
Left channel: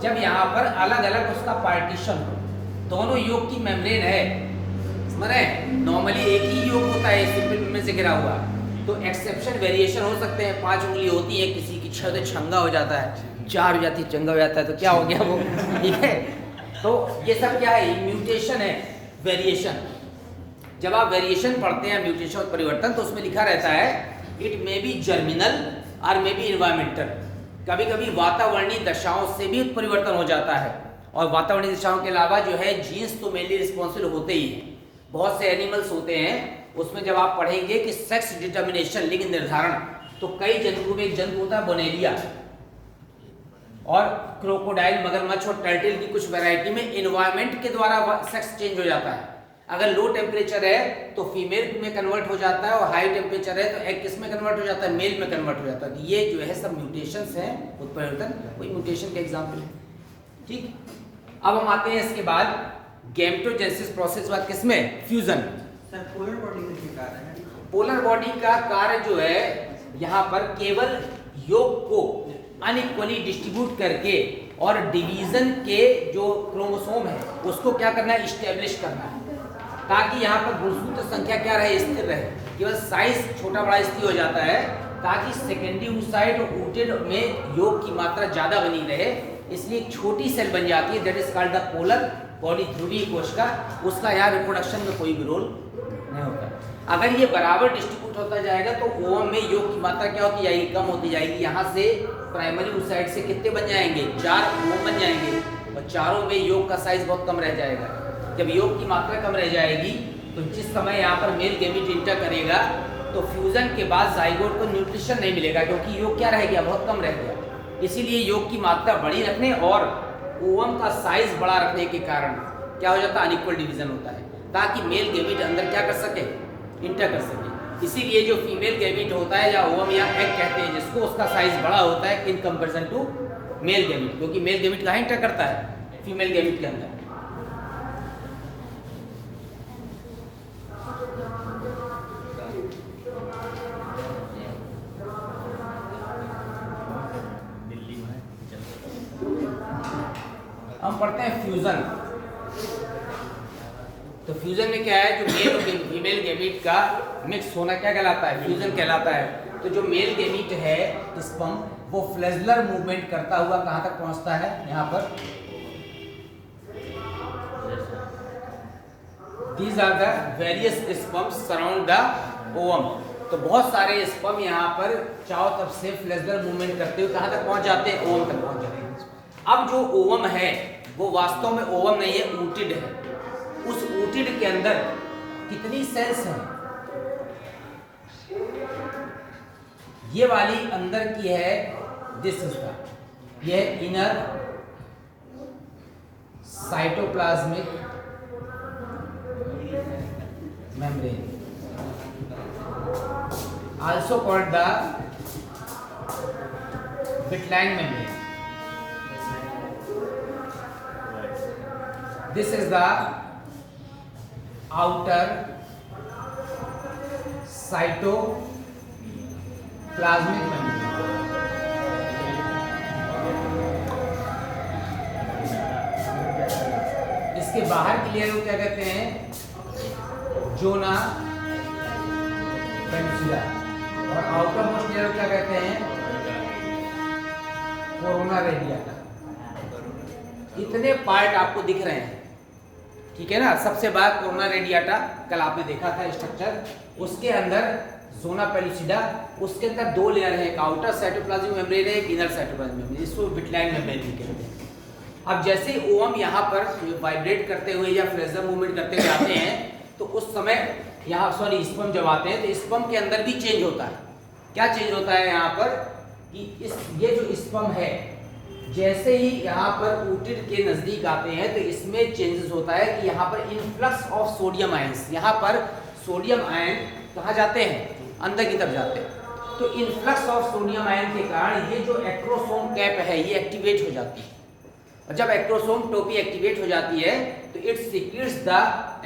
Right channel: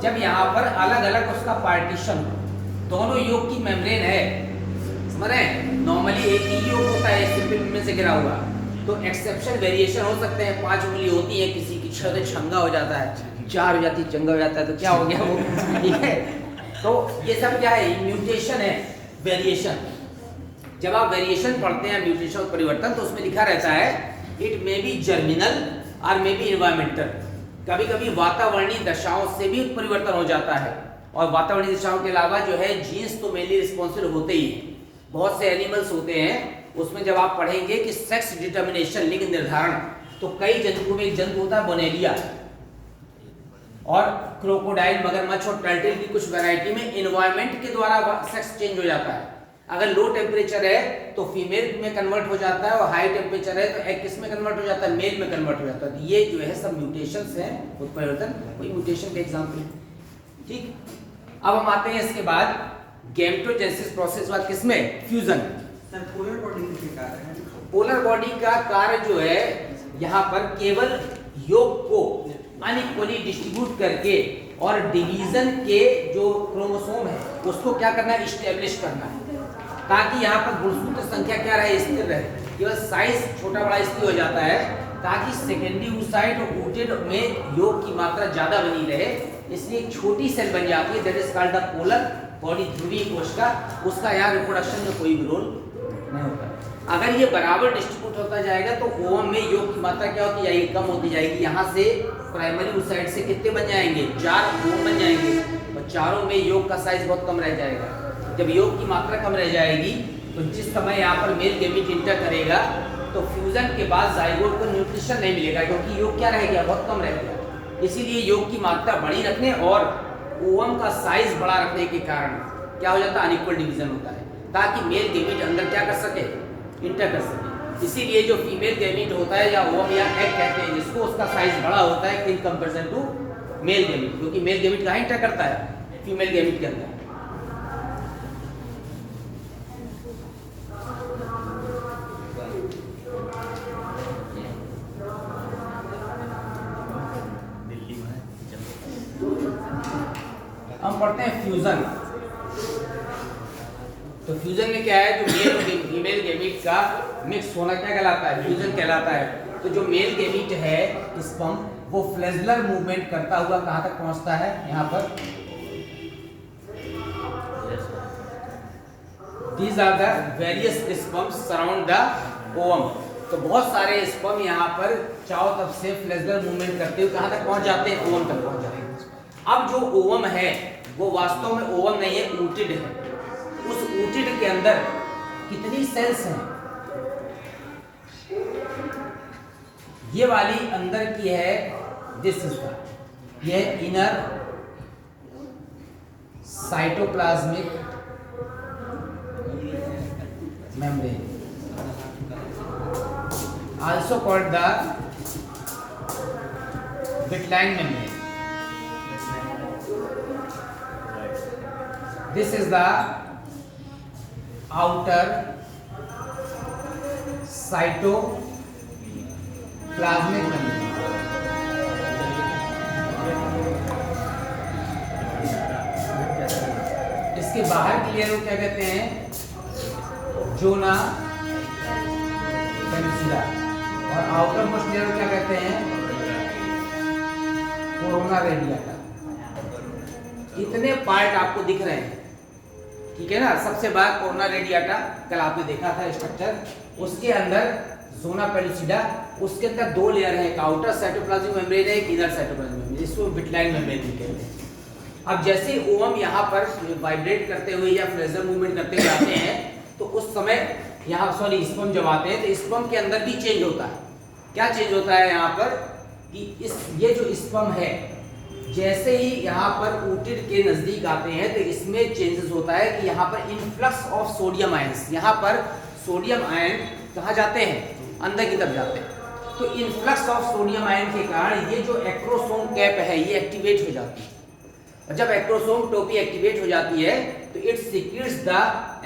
जब यहाँ पर अलग अलग उसका पार्टीशन हो, दोनों योग की मेम्ब्रेन है, समझ रहे हैं। नॉर्मली एक ही योग होता है सिंपल मेम्ब्रेन से घिरा हुआ, तो एक्सेप्शन वेरिएशन हो सकते हैं। 5 उंगली होती है, किसी की 6 तो छंगा हो जाता है, 4 हो जाती है चंगा हो जाता है, तो क्या हो गया वो, ठीक है। तो ये सब क्या है? म्यूटेशन है, वेरिएशन। जब आप वेरिएशन पढ़ते हैं, म्यूटेशन और परिवर्तन, तो उसमें लिखा रहता है इट मे बी जर्मिनल और मे बी इन्वायरमेंटल। कभी कभी वातावरणीय दशाओं से भी परिवर्तन हो जाता है, और वातावरणीय दशाओं के अलावा जो है जीन्स तो मेनली रिस्पॉन्सिबल होते ही हैं। बहुत से एनिमल्स होते हैं, उसमें जब आप पढ़ेंगे कि सेक्स डिटर्मिनेशन, लिंग निर्धारण, तो कई जंतुओं में एक जंतु होता है बोनेलिया, और क्रोकोडाइल, मगरमच्छ और टर्टल की कुछ वैरायटी में एनवायरनमेंट के द्वारा सेक्स चेंज हो जाता है। अगर लो टेम्परेचर है तो फीमेल में कन्वर्ट हो जाता है, और हाई टेम्परेचर है तो एग किस में कन्वर्ट हो जाता है? मेल में कन्वर्ट हो जाता है। तो ये जो है सब म्यूटेशंस हैं, उत्परिवर्तन, कोई म्यूटेशन का एग्जांपल है, ठीक। अब हम आते हैं इसके बाद गैमेटोजेनेसिस प्रोसेस बाद किसमें? फ्यूजन। सर पोलर बॉडी किसके कार्य है? पोलर बॉडी का कार्य जो है यहाँ पर केवल योग को अनइक्वली डिस्ट्रीब्यूट करके और डिवीजन के जो क्रोमोसोम है उसको क्या करना है, इस्टेब्लिश करना है, ताकि यहाँ पर गुणसूत्र संख्या क्या रहे, स्थिर रहे। केवल साइज छोटा बड़ा इसलिए हो जाता है ताकि सेकेंडरी oocyte और oocyte में योग की मात्रा ज्यादा बनी रहे, इसलिए एक छोटी सेल बन जाती है, that is called the polar body, ध्रुवीय कोशिका। उसका यहाँ रिप्रोडक्शन में कोई भी रोल नहीं होता। अगर ये बराबर डिस्ट्रीब्यूट होता जाएगा तो ओवम में योग की मात्रा क्या होती जाएगी, कम होती जाएगी। यहाँ से प्राइमरी oocyte से कितने बन जाएंगे, 4 ओवम बन जाएंगे, और चारों में योग का साइज बहुत कम रह जाएगा। जब योग की मात्रा कम रह जाएगी तो जिस समय यहाँ पर मेल गैमीट इंटर करेगा तो फ्यूजन के बाद जाइगोट को न्यूट्रिशन नहीं मिलेगा, क्योंकि योग क्या रह गया, बहुत कम रह गया। इसीलिए योग की मात्रा बड़ी रखने और ओवम का साइज बड़ा रखने के कारण क्या हो जाता है, अनइक्वल डिवीजन होता है, ताकि मेल गैमीट अंदर क्या कर सके, इंटर कर सके। इसीलिए जो फीमेल गैमीट होता है या ओवम या एग कहते हैं जिसको, उसका साइज बड़ा होता है in comparison to male gamete, क्योंकि मेल गैमीट कहाँ इंटर करता है, फीमेल गैमीट के अंदर। हम पढ़ते हैं फ्यूजन। तो फ्यूजन में क्या है, जो मेल और फीमेल गैमीट का मिक्स होना क्या कहलाता है, फ्यूजन कहलाता है। तो जो मेल गैमीट है स्पर्म, वो फ्लैजेलर मूवमेंट करता हुआ कहां तक पहुंचता है, यहाँ पर these are the various sperms surround the ovum. तो बहुत सारे स्पर्म यहाँ पर चारों तरफ से फ्लैजेलर मूवमेंट करते हुए कहां तक पहुंच जाते हैं, ओवम तक पहुंच जाते हैं। अब जो ओवम है वो वास्तव में ओवम नहीं है, oocyte है। उस oocyte के अंदर कितनी सेल्स हैं, ये वाली अंदर की है, दिस इज द, ये inner cytoplasmic membrane, also called the vitelline membrane. This is the outer cytoplasmic membrane. इसके बाहर की लेयर को क्या कहते हैं, जोना पेनिसुला, और आउटर मोस्ट लेयर को क्या कहते हैं, कोरोना रेडिएटा। इतने पार्ट आपको दिख रहे हैं, ठीक है ना। सबसे बाहर कोरोना रेडिएटा, कल आपने देखा था स्ट्रक्चर, उसके अंदर जोना पेलुसिडा, उसके अंदर 2 लेयर है, एक आउटर साइटोप्लाज्मिक मेम्ब्रेन है, एक इनर साइटोप्लाज्मिक मेम्ब्रेन, इसको विटलाइन मेम्ब्रेन भी कहते हैं। अब जैसे ओवम यहाँ पर वाइब्रेट करते हुए या फ्लैजेलर मूवमेंट करते हुए आते हैं, तो उस समय यहाँ स्पर्म जब आते हैं तो स्पर्म के अंदर भी चेंज होता है। क्या चेंज होता है यहाँ पर कि ये जो स्पर्म है, जैसे ही यहाँ पर oocyte के नजदीक आते हैं तो इसमें चेंजेस होता है कि यहाँ पर इनफ्लक्स ऑफ सोडियम आयंस, यहाँ पर सोडियम आयन कहाँ जाते हैं, अंदर की तरफ जाते हैं। तो इनफ्लक्स ऑफ सोडियम आयन के कारण ये जो एक्रोसोम कैप है ये एक्टिवेट हो जाती है, और जब एक्रोसोम टोपी एक्टिवेट हो जाती है तो it secretes the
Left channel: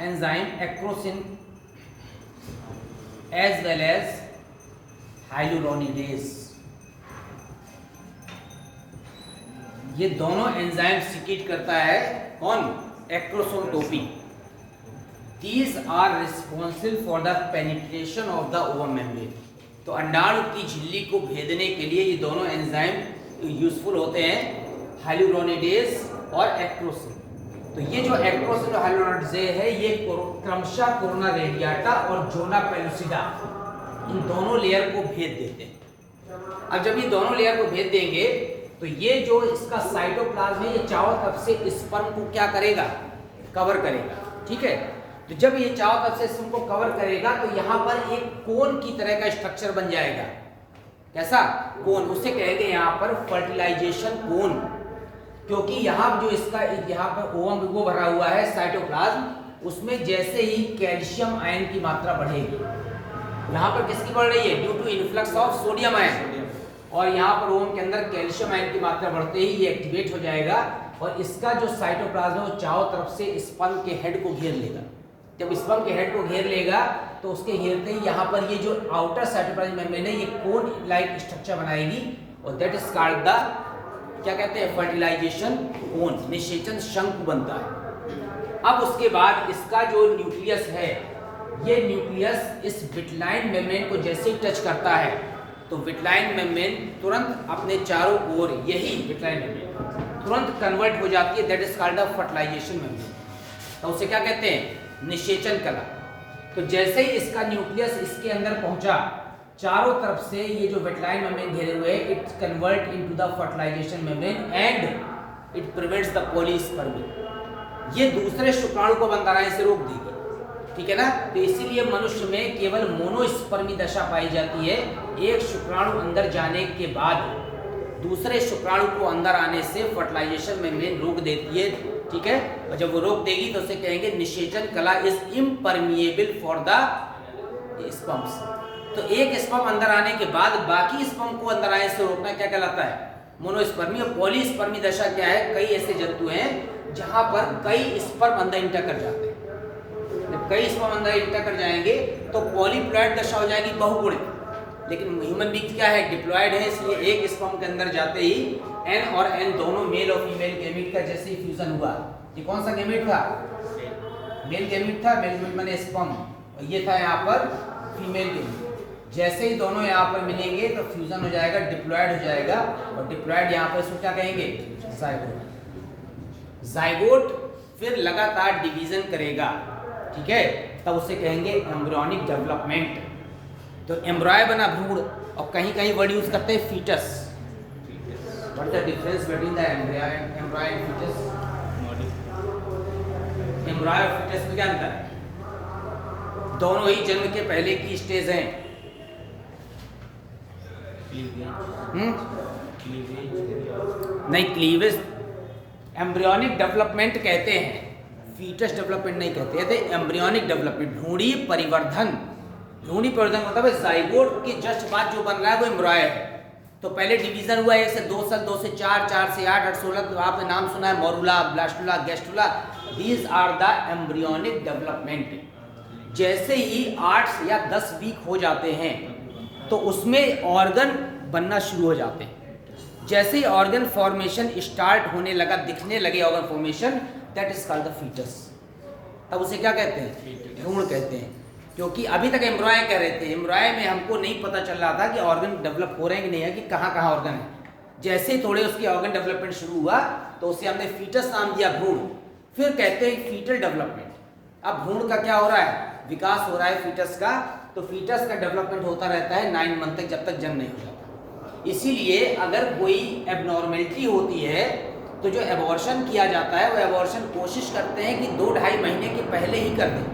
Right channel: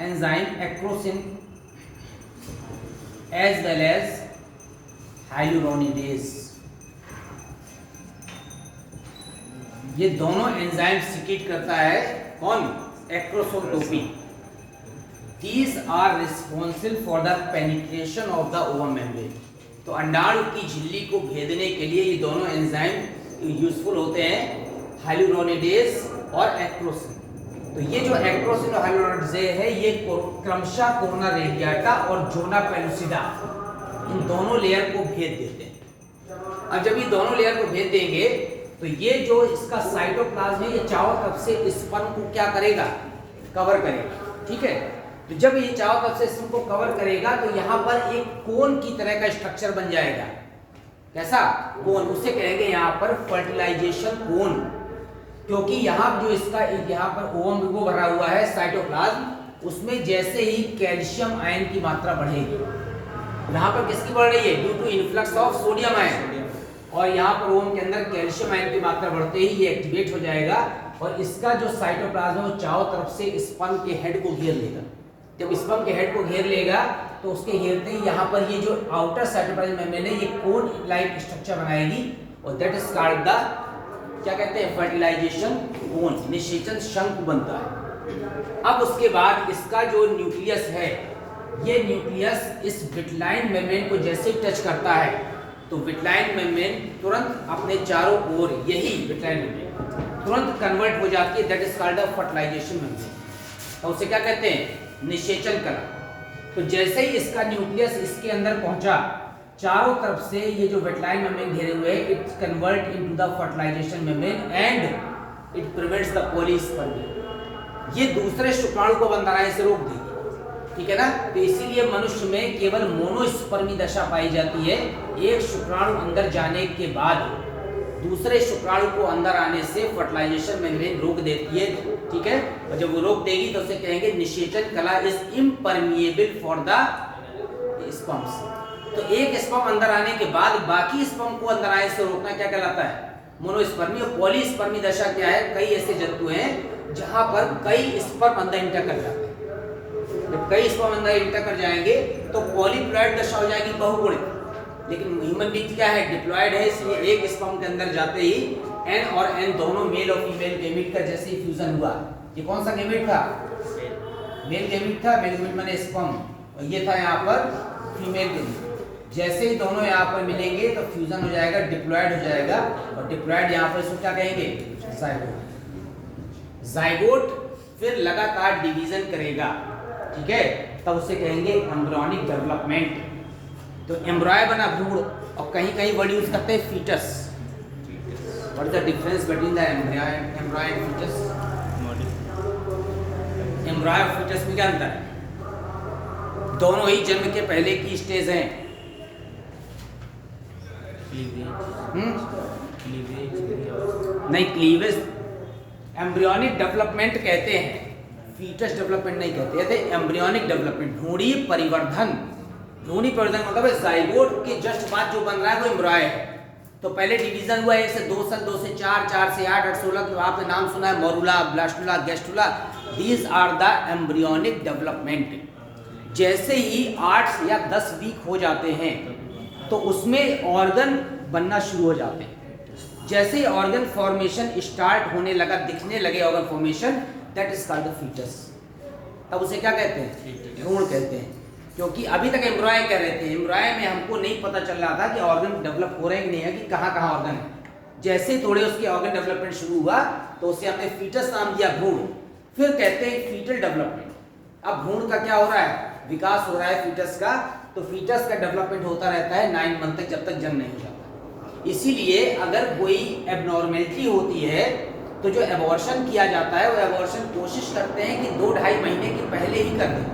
enzyme acrosin as well as hyaluronidase. ये दोनों एंजाइम सीक्रेट करता है कौन, एक्रोसोम टोपी। These are responsible for the penetration of the ovum membrane। तो अंडाणु की झिल्ली को भेदने के लिए ये दोनों एंजाइम यूजफुल होते हैं, हाइलुरोनिडेज और एक्रोसिन। तो ये जो एक्रोसिन और हाइलुरोनिडेज है ये क्रमशः कोरोना रेडिएटा और जोना पेलुसिडा इन दोनों लेयर को भेद देते हैं। अब जब ये दोनों लेयर को भेद देंगे तो ये जो इसका साइटोप्लाज्म है ये चारों तरफ से स्पर्म को क्या करेगा, कवर करेगा, ठीक है। तो जब ये चारों तरफ से स्पर्म को कवर करेगा तो यहाँ पर एक कोन की तरह का स्ट्रक्चर बन जाएगा। कैसा कोन, उसे कहेंगे यहाँ पर फर्टिलाइजेशन कोन, क्योंकि यहाँ जो इसका यहाँ पर ओवम वो भरा हुआ है साइटोप्लाज्म, उसमें जैसे ही कैल्शियम आयन की मात्रा बढ़ेगी, यहाँ पर किसकी बढ़ रही है, due to influx of sodium ion, और यहाँ पर ओवम के अंदर कैल्शियम आयन की मात्रा बढ़ते ही ये एक्टिवेट हो जाएगा और इसका जो साइटोप्लाज्म है चारों तरफ से स्पर्म के हेड को घेर लेगा। जब स्पर्म के हेड को घेर लेगा तो उसके घेरते ही यहाँ पर ये जो आउटर साइटोप्लाज्म मेम्ब्रेन है ये कोन लाइक स्ट्रक्चर बनाएगी और दैट इज कॉल्ड द क्या कहते हैं, फर्टिलाइजेशन कोन, निषेचन शंकु बनता है। अब उसके बाद इसका जो न्यूक्लियस है, ये न्यूक्लियस इस विटलाइन मेम्ब्रेन को जैसे ही टच करता है तो विटलाइन मेम्ब्रेन तुरंत अपने चारों ओर, यही विटलाइन मेम्ब्रेन तुरंत कन्वर्ट हो जाती है, that is called the fertilisation membrane. तो उसे क्या कहते हैं, निषेचन कला। तो जैसे ही इसका न्यूक्लियस इसके अंदर पहुंचा, चारों तरफ से ये जो विटलाइन मेम्ब्रेन घेरे हुए हैं, it convert into the fertilisation membrane and it prevents the polyspermy. ये दूसरे शुक्राणु को बनाने से रोक देगी, ठीक है ना। तो इसीलिए मनुष्य में केवल मोनोस्पर्मी दशा पाई जाती है। एक शुक्राणु अंदर जाने के बाद दूसरे शुक्राणु को अंदर आने से फर्टिलाइजेशन मेम्ब्रेन रोक देती है, ठीक है। और जब वो रोक देगी तो उसे कहेंगे निषेचन कला is impermeable for the sperms. तो एक स्पर्म अंदर आने के बाद बाकी स्पर्म को अंदर आने से रोकना क्या कहलाता है, मोनोस्पर्मी। और पॉलीस्पर्मी दशा क्या है, कई ऐसे जंतु हैं जहां पर कई स्पर्म अंदर इंटर कर जाते हैं। जब कई स्पर्म अंदर इंटर कर जाएंगे तो पॉलीप्लॉइड दशा हो जाएगी, बहुगुणित। लेकिन ह्यूमन बीइंग क्या है, डिप्लॉयड है, इसलिए एक स्पर्म के अंदर जाते ही एन और एन दोनों मेल और फीमेल गैमीट का जैसे ही फ्यूजन हुआ, ये कौन सा गैमीट था, मेल गैमीट था, मेल गैमीट माने स्पर्म, और ये था यहाँ पर फीमेल गैमीट। जैसे ही दोनों यहाँ पर मिलेंगे तो फ्यूजन हो जाएगा, डिप्लॉयड हो जाएगा, और डिप्लॉयड यहाँ पर इसको क्या कहेंगे, जाइगोट। जाइगोट फिर लगातार डिवीजन करेगा, ठीक है, तब उसे कहेंगे एम्ब्रियोनिक डेवलपमेंट। तो एम्ब्रॉय बना भ्रूण, और कहीं कहीं वर्ड यूज करते हैं foetus. What is the difference between the embryo and foetus? Embryo और फीटस में क्या अंतर है? दोनों ही जन्म के पहले की स्टेज हैं। नहीं, क्लीवेज एम्ब्रियोनिक डेवलपमेंट कहते हैं, फीटस डेवलपमेंट नहीं कहते हैं, एम्ब्रियोनिक डेवलपमेंट, भ्रूणी परिवर्धन। भ्रूणी परिवर्धन मतलब है जाइगोट के जस्ट बाद जो बन रहा है वो एम्ब्रॉय है। तो पहले डिवीजन हुआ 1 से 2 साल, 2 से 4, 4 से 8, 8 16, तो आपने नाम सुना है morula, blastula, gastrula, these are the embryonic development. जैसे ही 8 या 10 वीक हो जाते हैं तो उसमें ऑर्गन बनना शुरू हो जाते हैं। जैसे ही ऑर्गन फॉर्मेशन स्टार्ट होने लगा, दिखने लगे organ formation, that is called the foetus. तब उसे क्या कहते हैं, भ्रूण कहते हैं। क्योंकि अभी तक एम्ब्रॉय कह रहे थे, एम्ब्रॉय में हमको नहीं पता चल रहा था कि ऑर्गन डेवलप हो रहे हैं कि नहीं है, कि कहाँ कहाँ ऑर्गन है। जैसे ही थोड़े उसके ऑर्गन डेवलपमेंट शुरू हुआ तो उसे हमने फीटस नाम दिया, भ्रूण। फिर कहते हैं फीटल डेवलपमेंट। अब भ्रूण का क्या हो रहा है, विकास हो रहा है फीटस का। तो फीटस का डेवलपमेंट होता रहता है 9 मंथ तक, जब तक जन्म नहीं हो जाता। इसीलिए अगर कोई एबनॉर्मेलिटी होती है तो जो एबॉर्शन किया जाता है वो एबॉर्शन कोशिश करते हैं कि 2-2.5 महीने के पहले ही कर दें।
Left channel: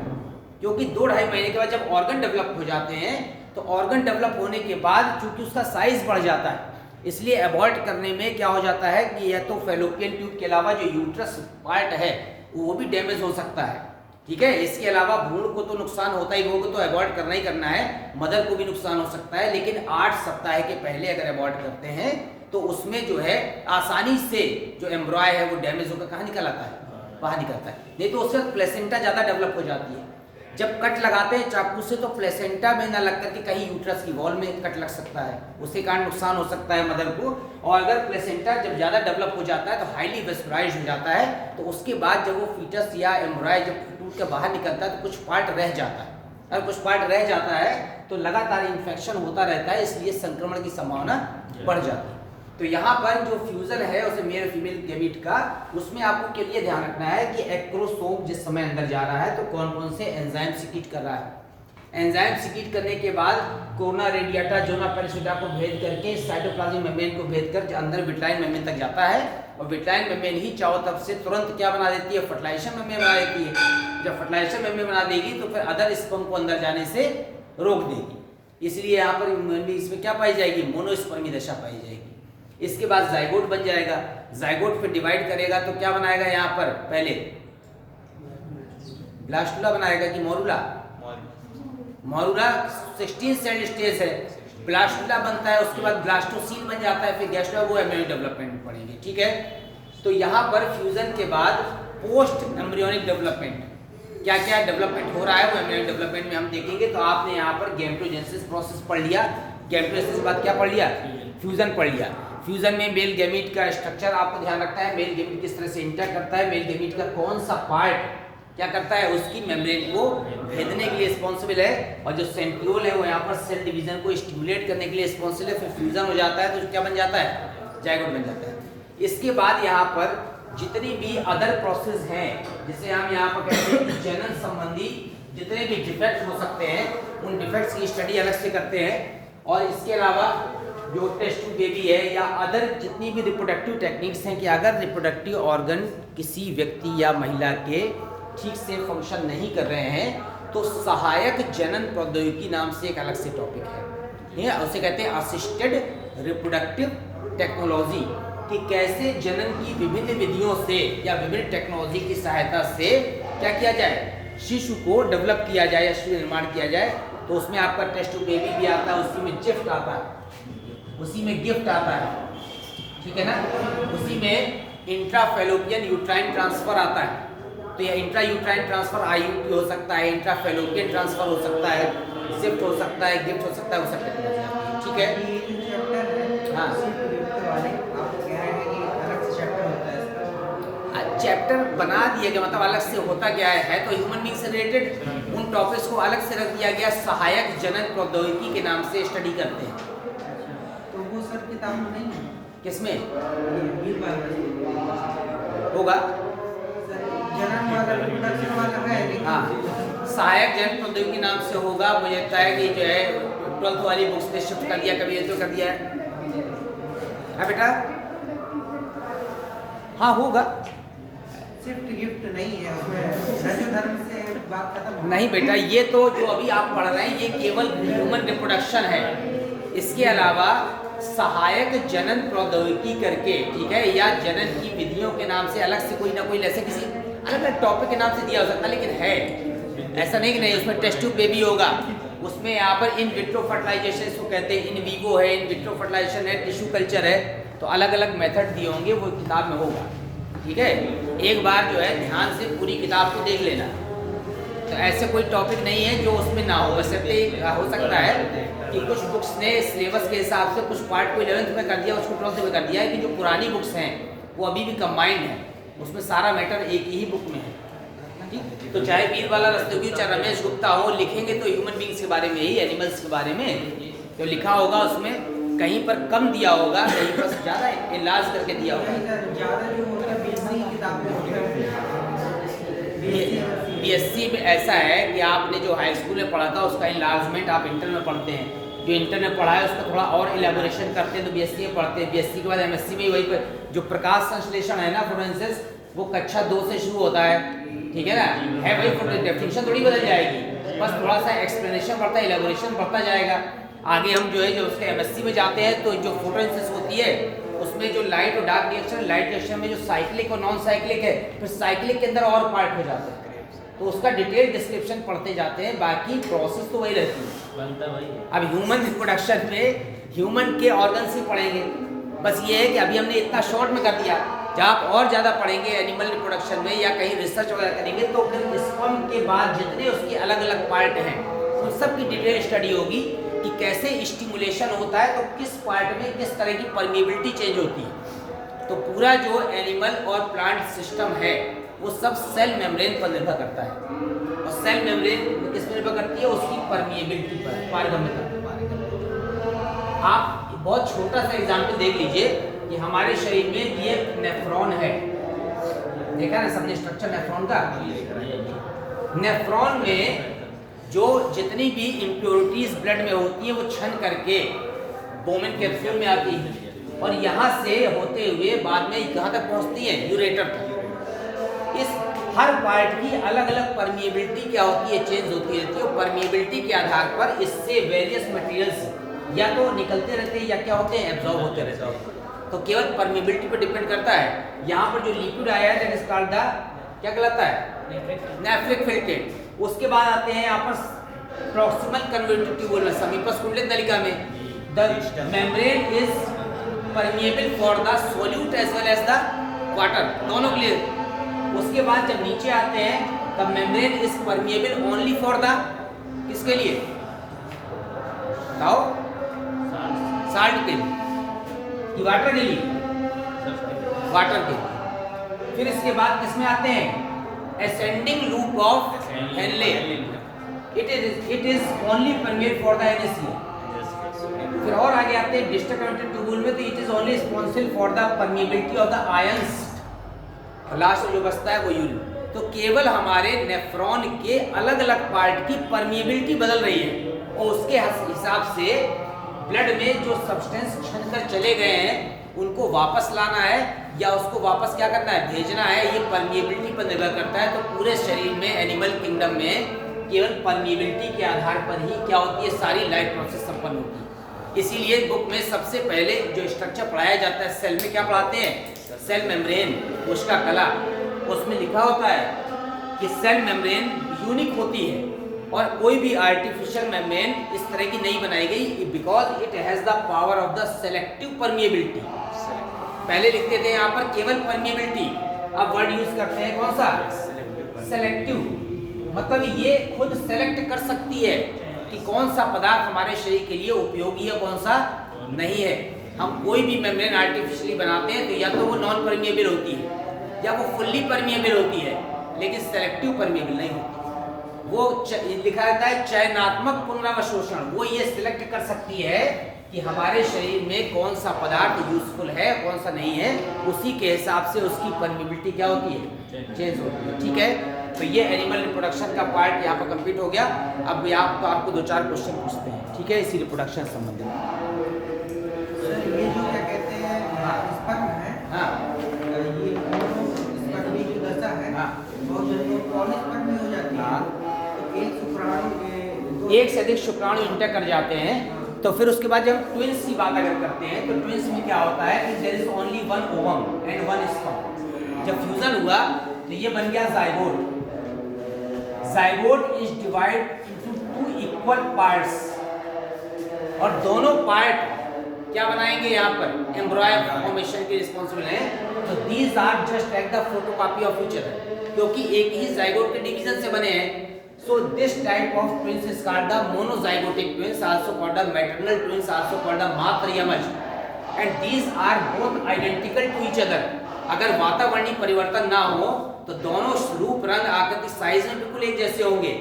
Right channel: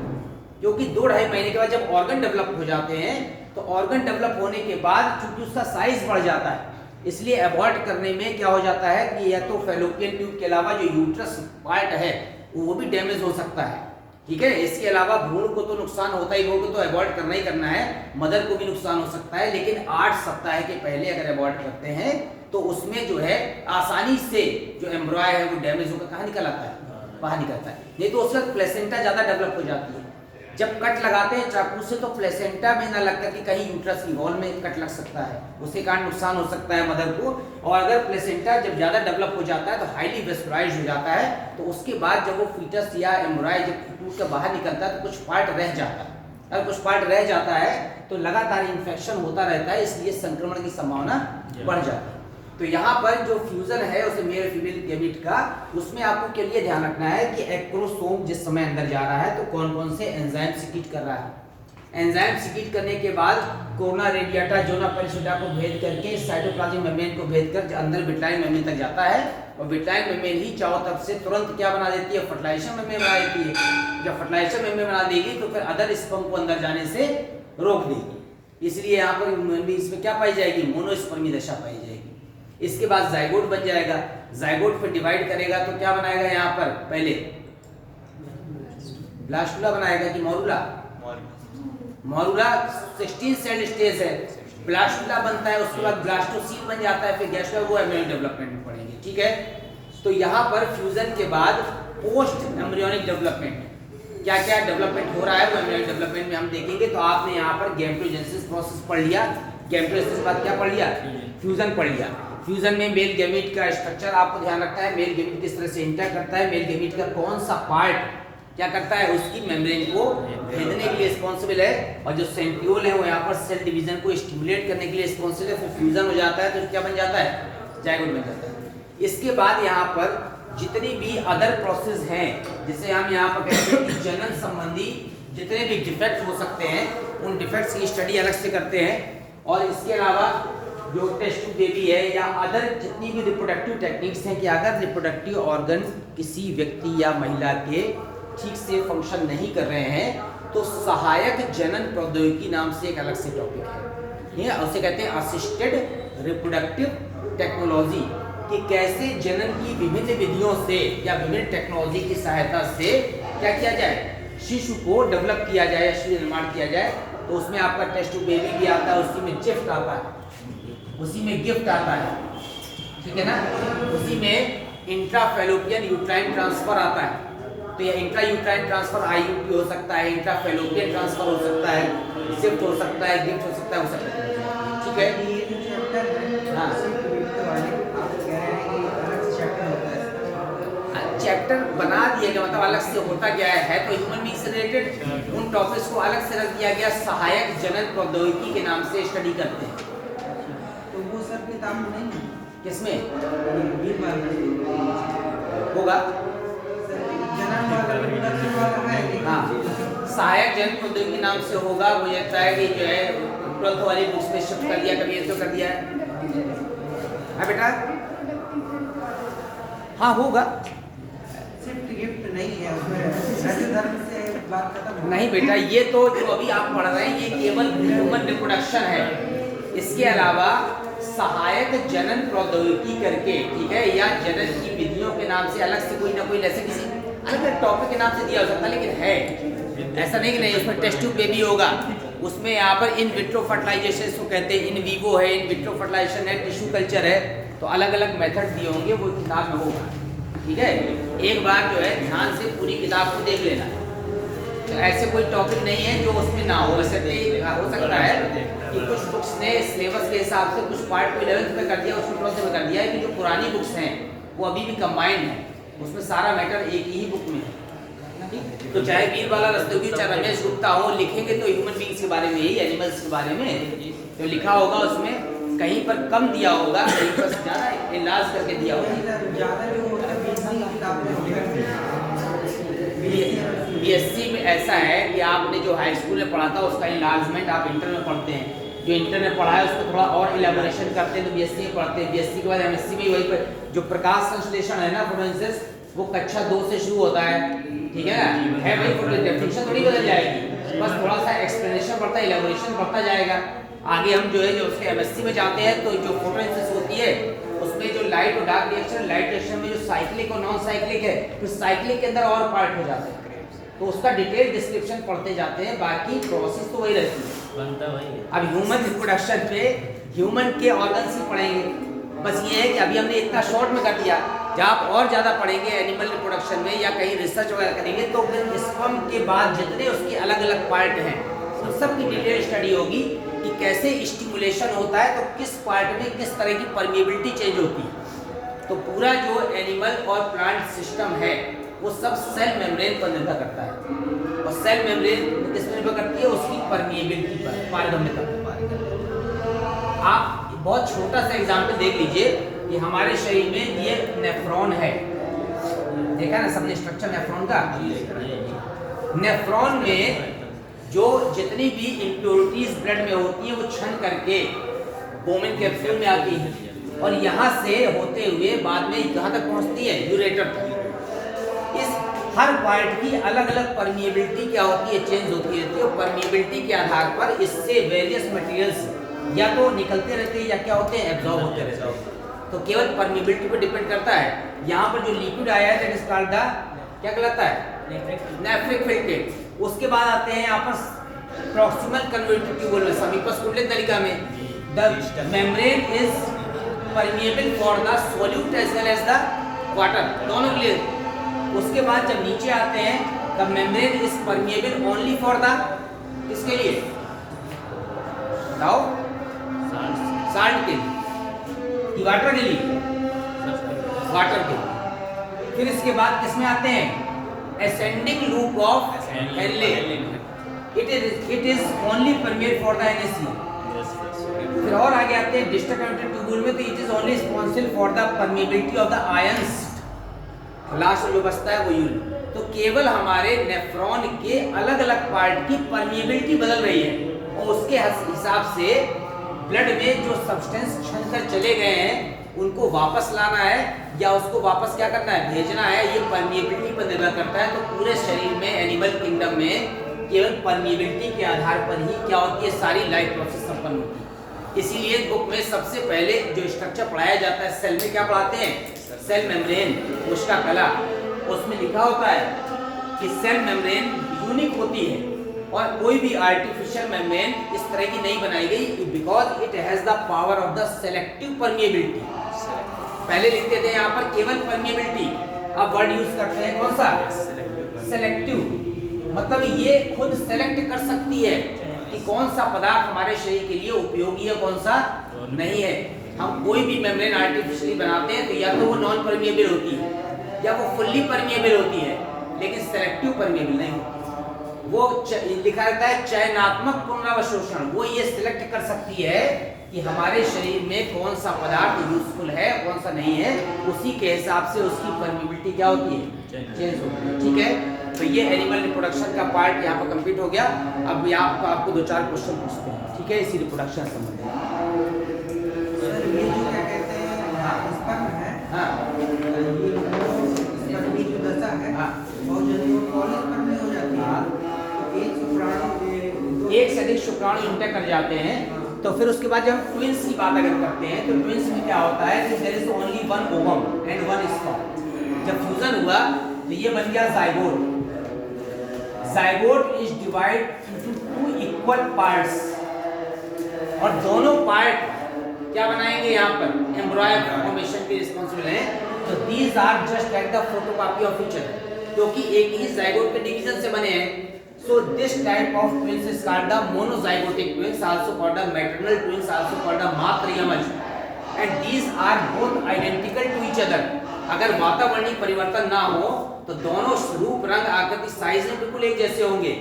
क्योंकि 2-2.5 महीने के बाद जब ऑर्गन डेवलप हो जाते हैं तो ऑर्गन डेवलप होने के बाद चूंकि उसका साइज बढ़ जाता है, इसलिए अबॉर्ट करने में क्या हो जाता है कि यह तो फैलोपियन ट्यूब के अलावा जो यूट्रस पार्ट है वो भी डैमेज हो सकता है, ठीक है। इसके अलावा भ्रूण को तो नुकसान होता ही होगा, तो अबॉर्ट करना ही करना है। मदर को भी नुकसान हो सकता है, लेकिन 8 सप्ताह के पहले अगर अबॉर्ट करते हैं तो उसमें जो है आसानी से जो एम्ब्रॉय है वो डैमेज होकर कहाँ निकल आता है, बाहर निकलता है। नहीं तो उसके बाद प्लेसेंटा ज़्यादा डेवलप हो जाती है। जब कट लगाते हैं चाकू से तो प्लेसेंटा में ना लग करके कहीं यूट्रस की वॉल में कट लग सकता है, उसके कारण नुकसान हो सकता है मदर को। और अगर प्लेसेंटा जब ज़्यादा डेवलप हो जाता है तो हाईली वेस्कुलाइज्ड हो जाता है, तो उसके बाद जब वो फीटस या एम्ब्रॉय जब टूट के बाहर निकलता है तो कुछ पार्ट रह जाता है। अगर कुछ पार्ट रह जाता है तो लगातार इन्फेक्शन होता रहता है, इसलिए संक्रमण की संभावना बढ़ जाती है। तो यहाँ पर जो फ्यूजन है उसे मेल फीमेल गैमीट का, उसमें आपको के लिए ध्यान रखना है कि एक्रोसोम जिस समय अंदर जा रहा है तो कौन कौन से एंजाइम सिक्रीट कर रहा है। एंजाइम सिक्रीट करने के बाद कोरोना रेडिएटा जोना पेरिसोटा को भेद करके साइटोप्लाज्मिक मेम्ब्रेन को भेद कर अंदर विट्लाइन मेम्ब्रेन तक जाता है, और विट्लाइन मेम्ब्रेन ही चारों तरफ से तुरंत क्या बना देती है, फर्टिलाइजेशन मेम्ब्रेन बना देती है। जब फर्टिलाइजेशन मेम्ब्रेन बना देगी तो फिर अदर स्पर्म को अंदर जाने से रोक देगी। इसलिए यहाँ पर इसमें क्या पाई जाएगी, मोनोस्पर्मी दशा पाई जाएगी। इसके बाद जाइगोट बन जाएगा, जाइगोट फिर डिवाइड करेगा तो क्या बनाएगा, यहाँ पर पहले ब्लास्टुला बनाएगा कि मोरुला, मोरुला 16 सेल स्टेज है, ब्लास्टुला बनता है, उसके बाद ब्लास्टोसील बन जाता है, फिर गैस्ट्रोला, वो एम्ब्रियोनिक डेवलपमेंट में पढ़ेंगे, ठीक है। तो यहाँ पर फ्यूजन के बाद पोस्ट एम्ब्रियोनिक डेवलपमेंट क्या क्या डेवलपमेंट हो रहा है वो एम्ब्रियोनिक डेवलपमेंट में हम देखेंगे। तो आपने यहाँ पर गैमेटोजेनेसिस प्रोसेस पढ़ लिया, गैमेटोजेनेसिस के बाद क्या पढ़ लिया, फ्यूजन पढ़ लिया। फ्यूजन में मेल गैमीट का स्ट्रक्चर आपको ध्यान रखना है, मेल गैमीट किस तरह से इंटर करता है, मेल गैमीट का कौन सा पार्ट क्या करता है, उसकी मेम्ब्रेन को भेदने के लिए रिस्पॉन्सिबल है, और जो सेंट्रियोल है वो यहाँ पर सेल डिवीजन को स्टिमुलेट करने के लिए रिस्पॉन्सिबल है। फिर फ्यूजन हो जाता है तो क्या बन जाता है, जाइगोट बन जाता है। इसके बाद यहाँ पर जितनी भी अदर प्रोसेस हैं, जिसे हम यहाँ पर कहते हैं कि जनन संबंधी जितने भी डिफेक्ट हो सकते हैं, उन डिफेक्ट्स की स्टडी अलग से करते हैं। और इसके अलावा जो टेस्ट ट्यूब बेबी है या अदर जितनी भी रिप्रोडक्टिव टेक्निक्स हैं कि अगर रिप्रोडक्टिव ऑर्गन किसी व्यक्ति या महिला के ठीक से फंक्शन नहीं कर रहे हैं तो सहायक जनन प्रौद्योगिकी नाम से एक अलग से टॉपिक है, ये उसे कहते हैं असिस्टेड रिप्रोडक्टिव टेक्नोलॉजी, कि कैसे जनन की विभिन्न विधियों से या विभिन्न टेक्नोलॉजी की सहायता से क्या किया जाए, शिशु को डेवलप किया जाए या शिशु निर्माण किया जाए। तो उसमें आपका टेस्ट ट्यूब बेबी भी आता है, उसी में गिफ्ट आता है, उसी में गिफ्ट आता है, ठीक है ना, उसी में इंट्राफेलोपियन यूट्राइन ट्रांसफर आता है। तो यह इंट्रा यूट्राइन ट्रांसफर आईयूपी हो सकता है, इंट्राफेलोपियन ट्रांसफर हो सकता है, शिफ्ट हो सकता है, गिफ्ट हो सकता है, ठीक है। हाँ, चैप्टर बना दिया गया, मतलब अलग से होता क्या है तो ह्यूमन बीइंग से रिलेटेड उन टॉपिक्स को अलग से रख दिया गया, सहायक जनन प्रौद्योगिकी के नाम से स्टडी करते हैं। तो वो सर किताब में नहीं है? किसमें ये होगा? जनन वाला रिप्रोडक्शन वाला है लेकिन हाँ, सहायक जनन प्रौद्योगिकी नाम से होगा। मुझे लगता है कि जो है 12th वाली बुक्स में शिफ्ट कर दिया, कभी ऐसे कर दिया है बेटा? हाँ होगा, शिफ्ट गिफ्ट नहीं है, उसमें धर्म से बात खत्म। नहीं बेटा, ये तो जो अभी आप पढ़ रहे हैं ये केवल ह्यूमन रिप्रोडक्शन है। इसके अलावा सहायक जनन प्रौद्योगिकी करके, ठीक है, या जनन की विधियों के नाम से अलग से कोई ना कोई ऐसे किसी अलग टॉपिक के नाम से दिया हो सकता है, लेकिन है ऐसा नहीं कि नहीं। उसमें टेस्ट ट्यूब बेबी होगा, उसमें यहाँ पर इन विट्रो फर्टिलाइजेशन इसको कहते हैं, इन वीवो है, इन विट्रो फर्टिलाइजेशन है, टिश्यू कल्चर है, तो अलग अलग मेथड दिए होंगे, वो किताब में होगा, ठीक है। एक बार जो है ध्यान से पूरी किताब को देख लेना। तो ऐसे कोई टॉपिक नहीं है जो उसमें ना हो। वैसे हो सकता है कि कुछ बुक्स ने सिलेबस के हिसाब से कुछ पार्ट को 11th में कर दिया, उसको 12th में कर दिया है, कि जो पुरानी बुक्स हैं वो अभी भी कंबाइंड है, उसमें सारा मैटर एक ही बुक में है। तो चाहे वीरबाला रस्तोगी, चाहे रमेश गुप्ता हो, लिखेंगे तो ह्यूमन बीइंग्स के बारे में ही, एनिमल्स के बारे में जो लिखा होगा उसमें कहीं पर कम दिया होगा, कहीं पर ज़्यादा इलाज करके दिया होगा। ज़्यादा जो होता है किताब बीएससी में ऐसा है कि आपने जो हाई स्कूल में पढ़ा था उसका इलाजमेंट आप इंटर में पढ़ते हैं, जो इंटर में पढ़ा है उसको थोड़ा और इलेबोरेशन करते हैं तो बीएससी में पढ़ते हैं। बीएससी के बाद एमएससी में वही पर जो प्रकाश संश्लेषण है ना, फोटोसिंथेसिस, वो कक्षा 2 से शुरू होता है, ठीक है ना, है वही फोटो, डेफिनेशन थोड़ी बदल जाएगी, बस थोड़ा सा एक्सप्लेनेशन बढ़ता है, इलेबोरेशन बढ़ता जाएगा। आगे हम जो है जो उसके एमएससी में जाते हैं तो जो फोटोसिंथेसिस होती है उसमें जो लाइट और डार्क रिएक्शन, लाइट रिएक्शन में जो साइक्लिक और नॉन साइक्लिक है, फिर साइक्लिक के अंदर और पार्ट हो जाते हैं, तो उसका डिटेल डिस्क्रिप्शन पढ़ते जाते हैं, बाकी प्रोसेस तो वही रहती है, बनता वही है। अब ह्यूमन रिप्रोडक्शन पे ह्यूमन के ऑर्गन्स ही पढ़ेंगे। बस ये है कि अभी हमने इतना शॉर्ट में कर दिया, जब आप और ज़्यादा पढ़ेंगे एनिमल रिप्रोडक्शन में या कहीं रिसर्च वगैरह करेंगे तो फिर स्पर्म के बाद जितने उसके अलग अलग पार्ट हैं उन सब की डिटेल स्टडी होगी कि कैसे स्टिमुलेशन होता है, तो किस पार्ट में किस तरह की परमिएबिलिटी चेंज होती है। तो पूरा जो एनिमल और प्लांट सिस्टम है वो सब सेल मेम्ब्रेन पर निर्भर करता है, और सेल मेम्ब्रेन किस पर निर्भर करती है, उसकी परमिएबिलिटी पर, पारगम्यता पर। आप बहुत छोटा सा एग्जाम्पल देख लीजिए कि हमारे शरीर में ये नेफ्रॉन है, देखा ना सबने स्ट्रक्चर नेफ्रॉन का। नेफ्रॉन में जो जितनी भी इम्प्योरिटीज ब्लड में होती है वो छन करके बोमेन कैप्सूल में आती है, और यहाँ से होते हुए बाद में कहाँ तक पहुँचती है, यूरेटर तक। इस हर पार्ट की अलग अलग परमिएबिलिटी क्या होती है, चेंज होती रहती है, और परमिएबिलिटी के आधार पर इससे वेरियस मटेरियल्स या तो निकलते रहते हैं या क्या होते हैं, एब्जॉर्ब होते रहते हैं। तो केवल परमिएबिलिटी पर डिपेंड करता है। यहाँ पर जो लिक्विड आया है दैट इज कॉल्ड द, क्या कहलाता है, नेफ्रिक फिल्ट्रेट। उसके बाद आते हैं यहाँ पर प्रॉक्सिमल कन्वर्टिव ट्यूबुल में, समीपस्थ कुंडलित नलिका में the membrane is permeable for the solute as well as the water, दोनों के लिए। उसके बाद जब नीचे आते हैं the membrane is permeable only for the, किसके लिए बताओ, साल्ट के लिए। कि वाटर के लिए? वाटर के लिए। फिर इसके बाद किसमें आते हैं? Ascending loop of Henle. It is only permeate for the NaCl। फिर और आगे आते हैं डिस्टर कनेक्टेड ट्यूबुल में, तो it is only responsible for the permeability of the ions. Last में जो बचता है वो यूरिन। तो केवल हमारे नेफ्रॉन के अलग अलग पार्ट की परमिएबिलिटी बदल रही है और उसके हिसाब से ब्लड में जो सब्सटेंस छनकर चले गए हैं उनको वापस लाना है या उसको वापस क्या करना है? भेजना है। ये परमिएबिलिटी पर निर्भर करता है। तो पूरे शरीर में एनिमल किंगडम में केवल परमिएबिलिटी के आधार पर ही क्या होती है? सारी लाइफ प्रोसेस संपन्न होती है। इसीलिए बुक में सबसे पहले जो स्ट्रक्चर पढ़ाया जाता है सेल में, क्या पढ़ाते हैं? सेल मेम्ब्रेन, कोशिका कला। उसमें लिखा होता है कि सेल मेम्ब्रेन यूनिक होती है और कोई भी आर्टिफिशियल मेम्ब्रेन इस तरह की नहीं बनाई गई, because it has the power of the selective permeability. पहले लिखते थे यहाँ पर केवल परमिएबिलिटी, अब वर्ड यूज करते हैं कौन सा? सेलेक्टिव। मतलब ये खुद सेलेक्ट कर सकती है कि कौन सा पदार्थ हमारे शरीर के लिए उपयोगी है, कौन सा नहीं है। हम कोई भी मेम्ब्रेन आर्टिफिशियली बनाते हैं तो या तो वो नॉन परमिएबल होती है या वो फुल्ली परमिएबल होती है, लेकिन सेलेक्टिव परमिएबल नहीं होती। वो लिखा रहता है चयनात्मक पुनरावशोषण। वो ये सिलेक्ट कर सकती है कि हमारे शरीर में कौन सा पदार्थ यूजफुल है, कौन सा नहीं है। उसी के हिसाब से उसकी परमिएबिलिटी क्या होती है? चेंज होती है। ठीक है, तो ये एनिमल रिप्रोडक्शन का पार्ट यहाँ पर कंप्लीट हो गया। अब आपको 2-4 क्वेश्चन पूछते हैं, ठीक है, इसी रिप्रोडक्शन से संबंधित। ये जो क्या कहते हैं स्पर्म है, हाँ ये स्पर्म की जो दशा है, हाँ। बहुत जल्दी वो पॉलीस्पर्म हो जाती है। हाँ। तो एक शुक्राणु के एक से अधिक शुक्राणु इंटर कर जाते हैं। तो फिर उसके बाद जब हम ट्विंस की बात अगर करते हैं तो ट्विंस में क्या होता है कि there is only one ovum and one sperm. जब फ्यूजन हुआ तो ये बन गया zygote. Zygote is divide into 2 equal parts और दोनों पार्ट क्या बनाएंगे? यहाँ पर एम्ब्रॉय फॉर्मेशन के रिस्पांसिबल हैं। तो these are just like the photocopy of each other, क्योंकि एक ही जाइगोट के डिवीजन से बने हैं। So this type of twins is called the monozygotic twins, also called the maternal twins, also called the मातृयमज, and these are both identical to each other. अगर वातावरणीय परिवर्तन ना हो तो दोनों रूप, रंग, आकृति, साइज में बिल्कुल एक जैसे होंगे।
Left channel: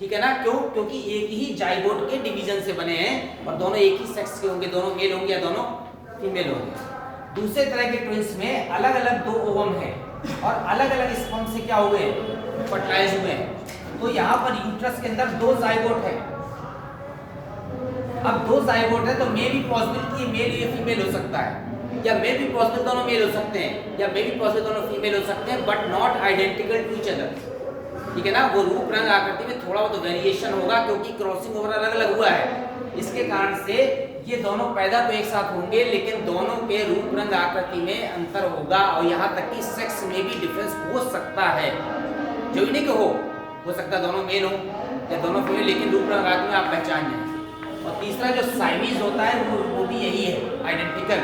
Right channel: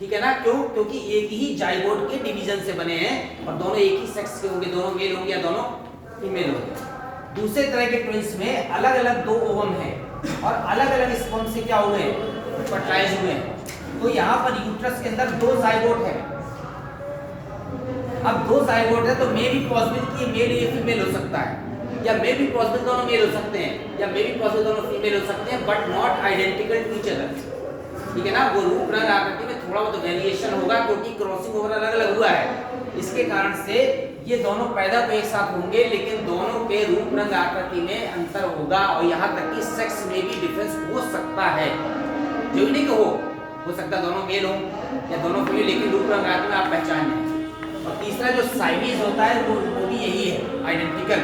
ठीक है ना? क्यों? क्योंकि एक ही जाइगोट के डिवीजन से बने हैं और दोनों एक ही सेक्स के होंगे, दोनों मेल होंगे या दोनों फीमेल होंगे। दूसरे तरह के ट्विंस में अलग अलग 2 ओवम है और अलग अलग स्पर्म से क्या हुए? फर्टिलाइज हुए हैं। तो यहाँ पर यूट्रस के अंदर 2 जाइगोट है। अब 2 जाइगोट है तो मे भी पॉसिबल कि मेल या फीमेल हो सकता है, या मे भी पॉसिबल दोनों मेल हो सकते हैं, या मे भी पॉसिबल दोनों फीमेल हो सकते हैं, but not identical to each other. ठीक है ना? वो रूप, रंग, आकृति में थोड़ा बहुत वेरिएशन होगा क्योंकि क्रॉसिंग ओवर अलग अलग हुआ है। इसके कारण से ये दोनों पैदा तो एक साथ होंगे लेकिन दोनों के रूप, रंग, आकृति में अंतर होगा और यहाँ तक कि सेक्स में भी डिफरेंस हो सकता है। जो नहीं कि हो सकता है दोनों मेल हो या दोनों फीमेल, लेकिन रूप, रंग, आकृति में आप पहचान लें। और तीसरा जो साइमीज होता है वो भी यही है, आइडेंटिकल।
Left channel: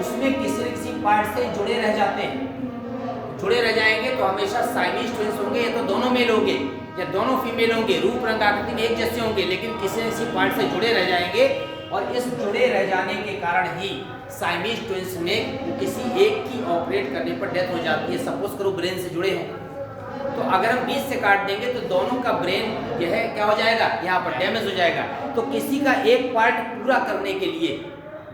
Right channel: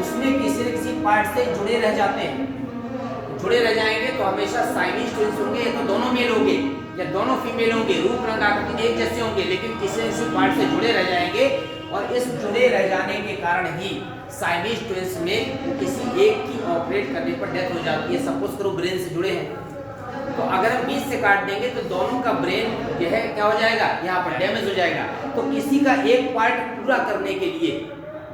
उसमें किसी न किसी पार्ट से जुड़े रह जाते हैं। जुड़े रह जाएंगे तो हमेशा साइमीज ट्विंस होंगे, या तो दोनों मेल होंगे या दोनों फीमेल होंगे, रूप, रंग, आकृति में एक जैसे होंगे, लेकिन किसी न किसी पार्ट से जुड़े रह जाएंगे। और इस जुड़े रह जाने के कारण ही साइमीज ट्विंस में किसी एक की ऑपरेट करने पर डेथ हो जाती है। सपोज करो ब्रेन से जुड़े हैं तो अगर हम बीच से काट देंगे तो दोनों का ब्रेन जो है क्या हो जाएगा? यहाँ पर डैमेज हो जाएगा। तो किसी का एक पार्ट पूरा करने के लिए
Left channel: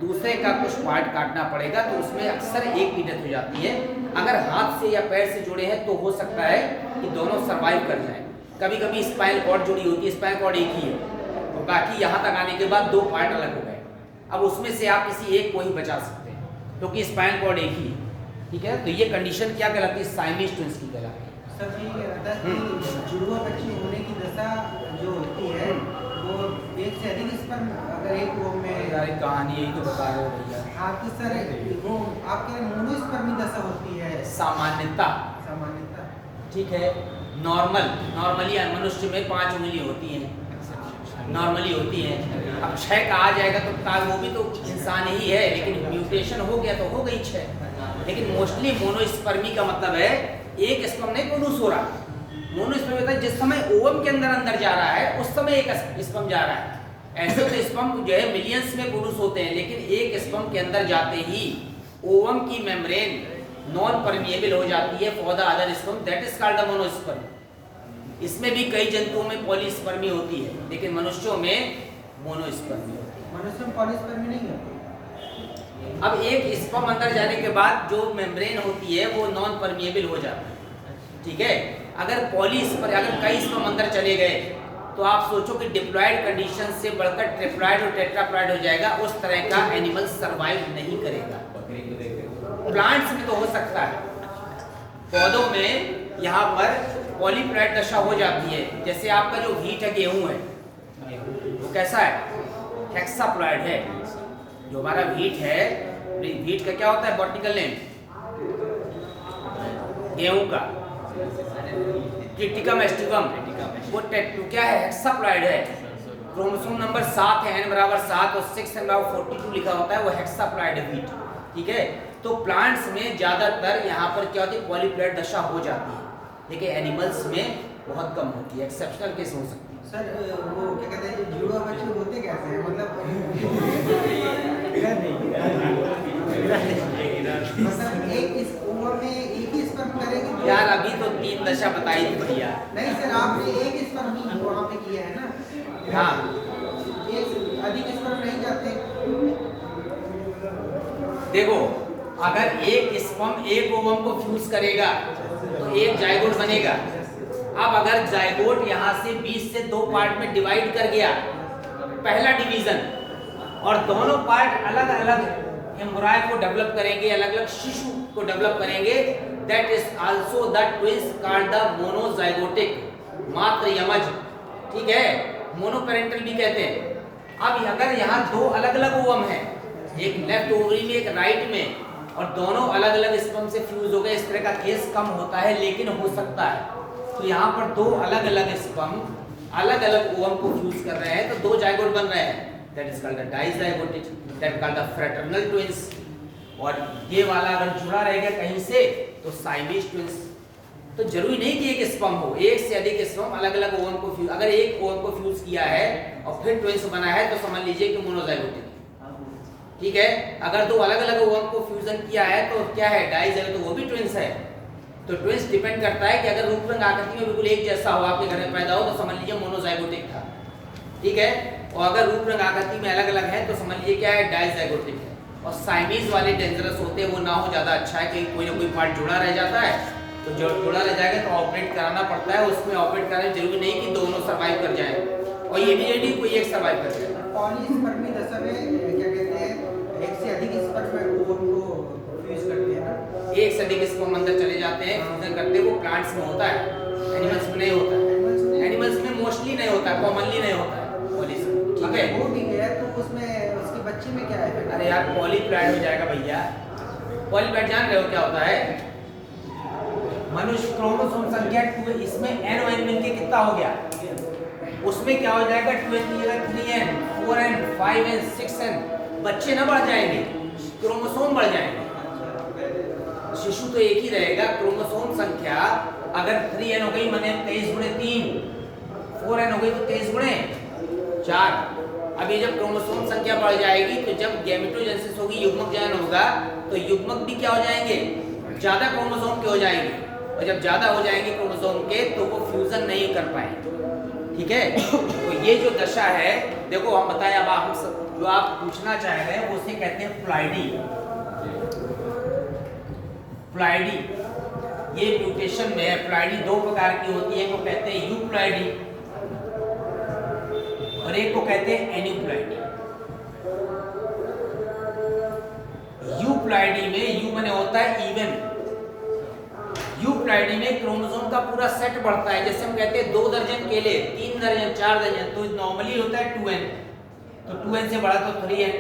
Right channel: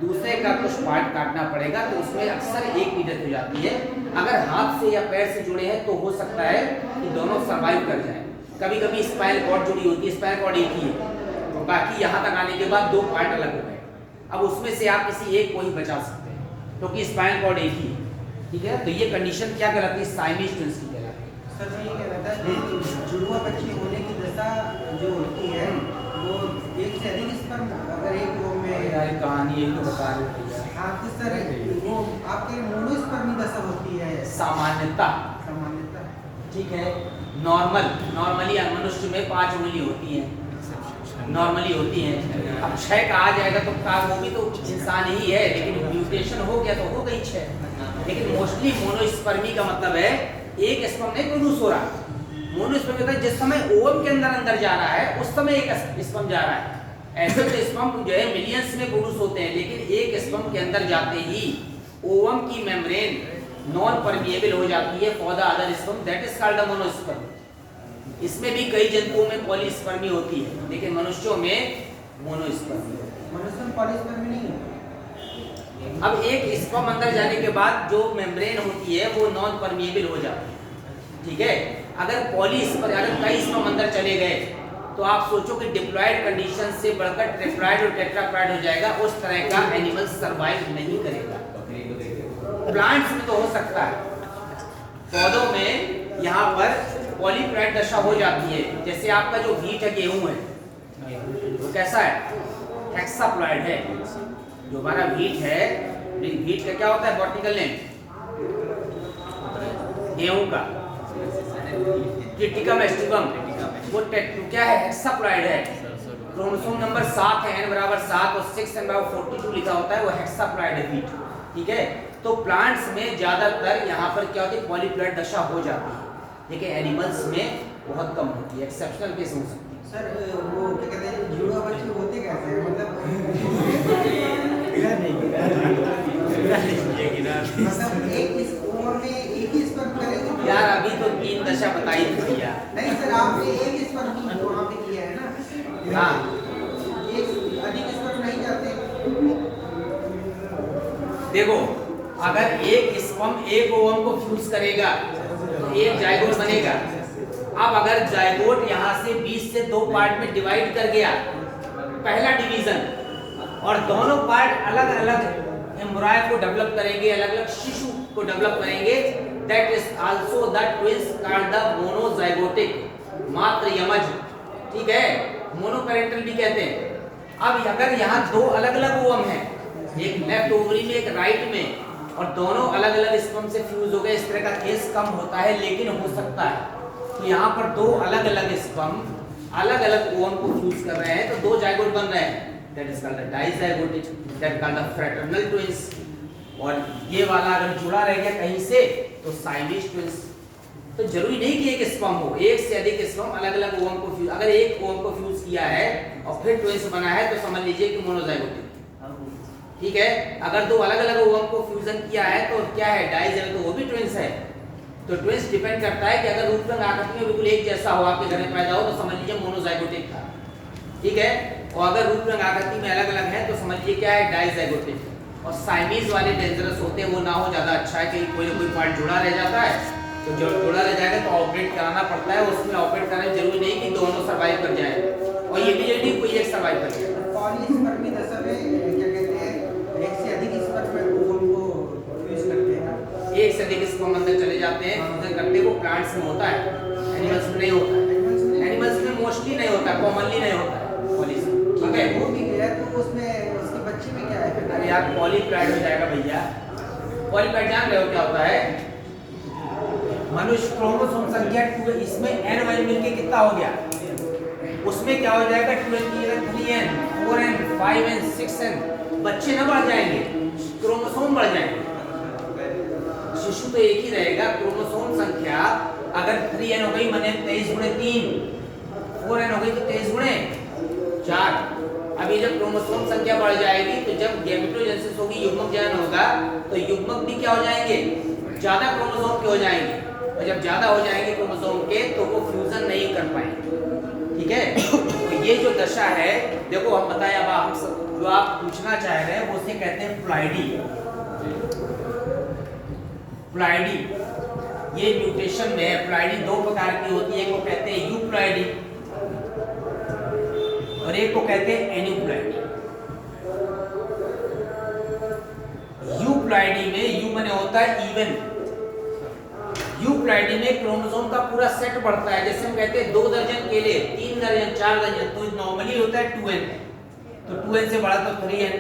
दूसरे का कुछ पार्ट काटना पड़ेगा, तो उसमें अक्सर एक की डेथ हो जाती है। अगर हाथ से या पैर से जुड़े हैं तो हो सकता है कि दोनों सर्वाइव कर जाएं। कभी कभी स्पाइनल कॉर्ड जुड़ी होती है, स्पाइनल कॉर्ड एक ही है और बाकी यहाँ तक आने के बाद 2 पार्ट अलग हो गए। अब उसमें से आप किसी एक को ही बचा सकते हैं क्योंकि स्पाइनल कॉर्ड एक ही है। ठीक है? तो ये कंडीशन क्या कहलाती है? साइमीज ट्विंस की कहलाती है। सर जी ये कहता है कि जुड़वा बच्चे होने की दशा जो होती है वो एक से अधिक स्पर्म अगर एक वो में यार कहानी यही तो बता रहे हो भैया। हाँ तो सर वो आपके मोनोस्पर्मी दशा होती है सामान्यता। ठीक है? नॉर्मली मनुष्य में 5 उंगली होती हैं, नॉर्मली होती हैं। अब 6 का आ जाएगा तो क्या? वो भी तो इंसान ही है, लेकिन म्यूटेशन हो गया तो हो गई 6। लेकिन मोस्टली मोनोस्पर्मी का मतलब है एक स्पर्म नहीं प्रोड्यूस हो रहा। मोनोस्पर्मी होता है जिस समय ओवम के अंदर जा रहा है उस समय एक स्पर्म जा रहा है। ऐसे तो स्पर्म जो है मिलियंस में प्रोड्यूस होते हैं, लेकिन एक स्पर्म के अंदर जाते ही ओवम की मेम्ब्रेन नॉन परमिएबल हो जाती है for the other sperm, that is called the monosperm. इसमें भी कई जंतुओं में पॉलीस्पर्मी होती है, लेकिन मनुष्यों में मोनोस्पर्मी। मनुष्य में पॉलीस्पर्मी नहीं है। अब एक स्पर्म अंदर जाने के बाद जो मेम्ब्रेन होती है वो नॉन परमिएबल हो जाती है, ठीक है। अगर कई स्पर्म अंदर चले गए तो आप सोचो कि डिप्लॉयड कंडीशन से बढ़कर ट्रिप्लॉयड और टेट्राप्लॉयड हो जाएगा, उस तरह का एनिमल सरवाइव नहीं करेगा। प्लांट्स में तो हो सकता है, पौधों में यहाँ पर पॉलीप्लॉयड दशा हो जाती है। जैसे आपका जो व्हीट है, गेहूं है, वो कैसा है? हेक्साप्लॉयड है। जो हमारा व्हीट है, व्हीट का क्या होता है वर्टिकल नेम? गेहूं का ट्रिटिकम एस्टिकम, वो क्या है? हेक्साप्लॉयड है। क्रोमोसोम नंबर 7 है, n बराबर 7 और 6 n बराबर 42 लिखा होता है, वो हेक्साप्लॉयड है व्हीट, ठीक है। तो प्लांट्स में ज्यादातर यहाँ पर क्या होती है? पॉलीप्लॉयड दशा हो जाती है, लेकिन एनिमल्स में बहुत कम होती है, एक्सेप्शनल केस हो सकती है। सर वो क्या कहते हैं, जुड़वा बच्चे होते कैसे हैं? मतलब एक इस उम्र में एक ही स्पर्म करेंगे यार, अभी तो 3 दशा बताई थी भैया। नहीं सर, आपने एक स्पर्म जो आपने किया है ना, हाँ, एक अधिक स्पर्म नहीं जाते। देखो, अगर एक स्पर्म एक ओवम को फ्यूज करेगा तो एक जायगोट बनेगा। अब अगर जायगोट यहाँ से 20 से 2 पार्ट में डिवाइड कर गया, पहला डिवीजन, और दोनों पार्ट अलग अलग एम्ब्रॉय को डेवलप करेंगे, अलग अलग शिशु को डेवलप करेंगे, that is also the twins called the monozygotic, मात्र यमज, ठीक है, मोनोपेरेंटल भी कहते हैं। अब अगर यहाँ 2 अलग अलग ओवम हैं, एक लेफ्ट ओवरी में एक राइट में, और दोनों अलग अलग स्पर्म से फ्यूज हो गए, इस तरह का केस कम होता है, लेकिन हो सकता है। तो यहाँ पर 2 अलग अलग स्पर्म अलग अलग ओवम को फ्यूज कर रहे हैं, तो 2 जाइगोट बन रहे हैं, that is called the dizygotic, that called the fraternal twins. और ये वाला अगर जुड़ा रह गया कहीं से तो साइमेज ट्विंस। तो जरूरी नहीं कि एक स्पर्म हो, एक से अधिक स्पर्म अलग अलग ओवम को फ्यूज, अगर एक ओवम को फ्यूज किया है और फिर ट्विंस बना है तो समझ लीजिए कि मोनोजाइगोटिक, ठीक है। अगर 2 अलग अलग ओवम को फ्यूजन किया है तो क्या है? डाइज, तो वो भी ट्विंस है। तो ट्विंस डिपेंड करता है कि अगर रूप रंग आकृति में बिल्कुल एक जैसा हो, आपके घर में पैदा हो, तो समझ लीजिए मोनोजाइगोटिक था, ठीक है। और अगर रूप रंग आकृति में अलग अलग है तो समझ लीजिए क्या है? डाइजाइगोटिक। और साइमीज वाले डेंजरस होते हैं, वो ना हो ज्यादा अच्छा है, कहीं कोई ना कोई पार्ट जुड़ा रह जाता है, तो जब जुड़ा रह जाएगा तो ऑपरेट कराना पड़ता है। उसमें ऑपरेट कराना जरूरी नहीं कि दोनों सर्वाइव कर जाए, और ये भी जरूरी कोई एक सर्वाइव कर जाए। पॉलीस्पर्मी दशा में क्या कहते हैं, एक से अधिक स्पर्म ओवम को फ्यूज करते हैं। एक से अधिक स्पर्म अंदर चले जाते हैं, फ्यूजन करते हैं, वो प्लांट्स में होता है, एनिमल्स में नहीं होता है। एनिमल्स में मोस्टली नहीं होता है, कॉमनली नहीं होता है पॉलीस्पर्मी, ठीक है। हो भी गया तो उसमें उसके बच्चे में क्या है? अरे यार, पॉलीप्लॉयड हो जाएगा भैया। पॉलीप्लॉयड जान रहे हो क्या होता है? मनुष्य क्रोमोसोम संख्या 2, इसमें n मिलके कितना हो गया? उसमें क्या हो जाएगा? 3n, 4n, 5n, 6n, बच्चे ना बढ़ जाएंगे, क्रोमोसोम बढ़ जाएंगे। शिशु तो एक ही रहेगा, क्रोमोसोम संख्या अगर 3n हो गई माने 23 गुणे 3, 4n हो गई तो 23 गुणे 4। अब ये जब क्रोमोसोम संख्या बढ़ जाएगी तो जब गैमेटोजेनेसिस होगी, युग्मक जनन होगा, तो युग्मक भी क्या हो जाएंगे? ज्यादा क्रोमोसोम के हो जाएंगे, और जब ज्यादा हो जाएंगे क्रोमोसोम के तो वो फ्यूजन नहीं कर पाएंगे, ठीक है। तो ये जो दशा है, देखो हम बताएं, अब आप जो आप पूछना चाह रहे हैं वो उसे कहते हैं प्लॉइडी। प्लॉइडी ये म्यूटेशन में है। प्लॉइडी 2 प्रकार की होती है, एक को कहते हैं यूप्लॉइडी और एक को कहते हैं एन्यूप्लॉइडी। यूप्लॉइडी में यू माने होता है इवन, यूप्लॉइडी में क्रोमोसोम का पूरा सेट बढ़ता है। जैसे हम कहते हैं 2 दर्जन केले, 3 दर्जन, 4 दर्जन, तो नॉर्मली होता है 2n, तो 2n से बड़ा तो 3n,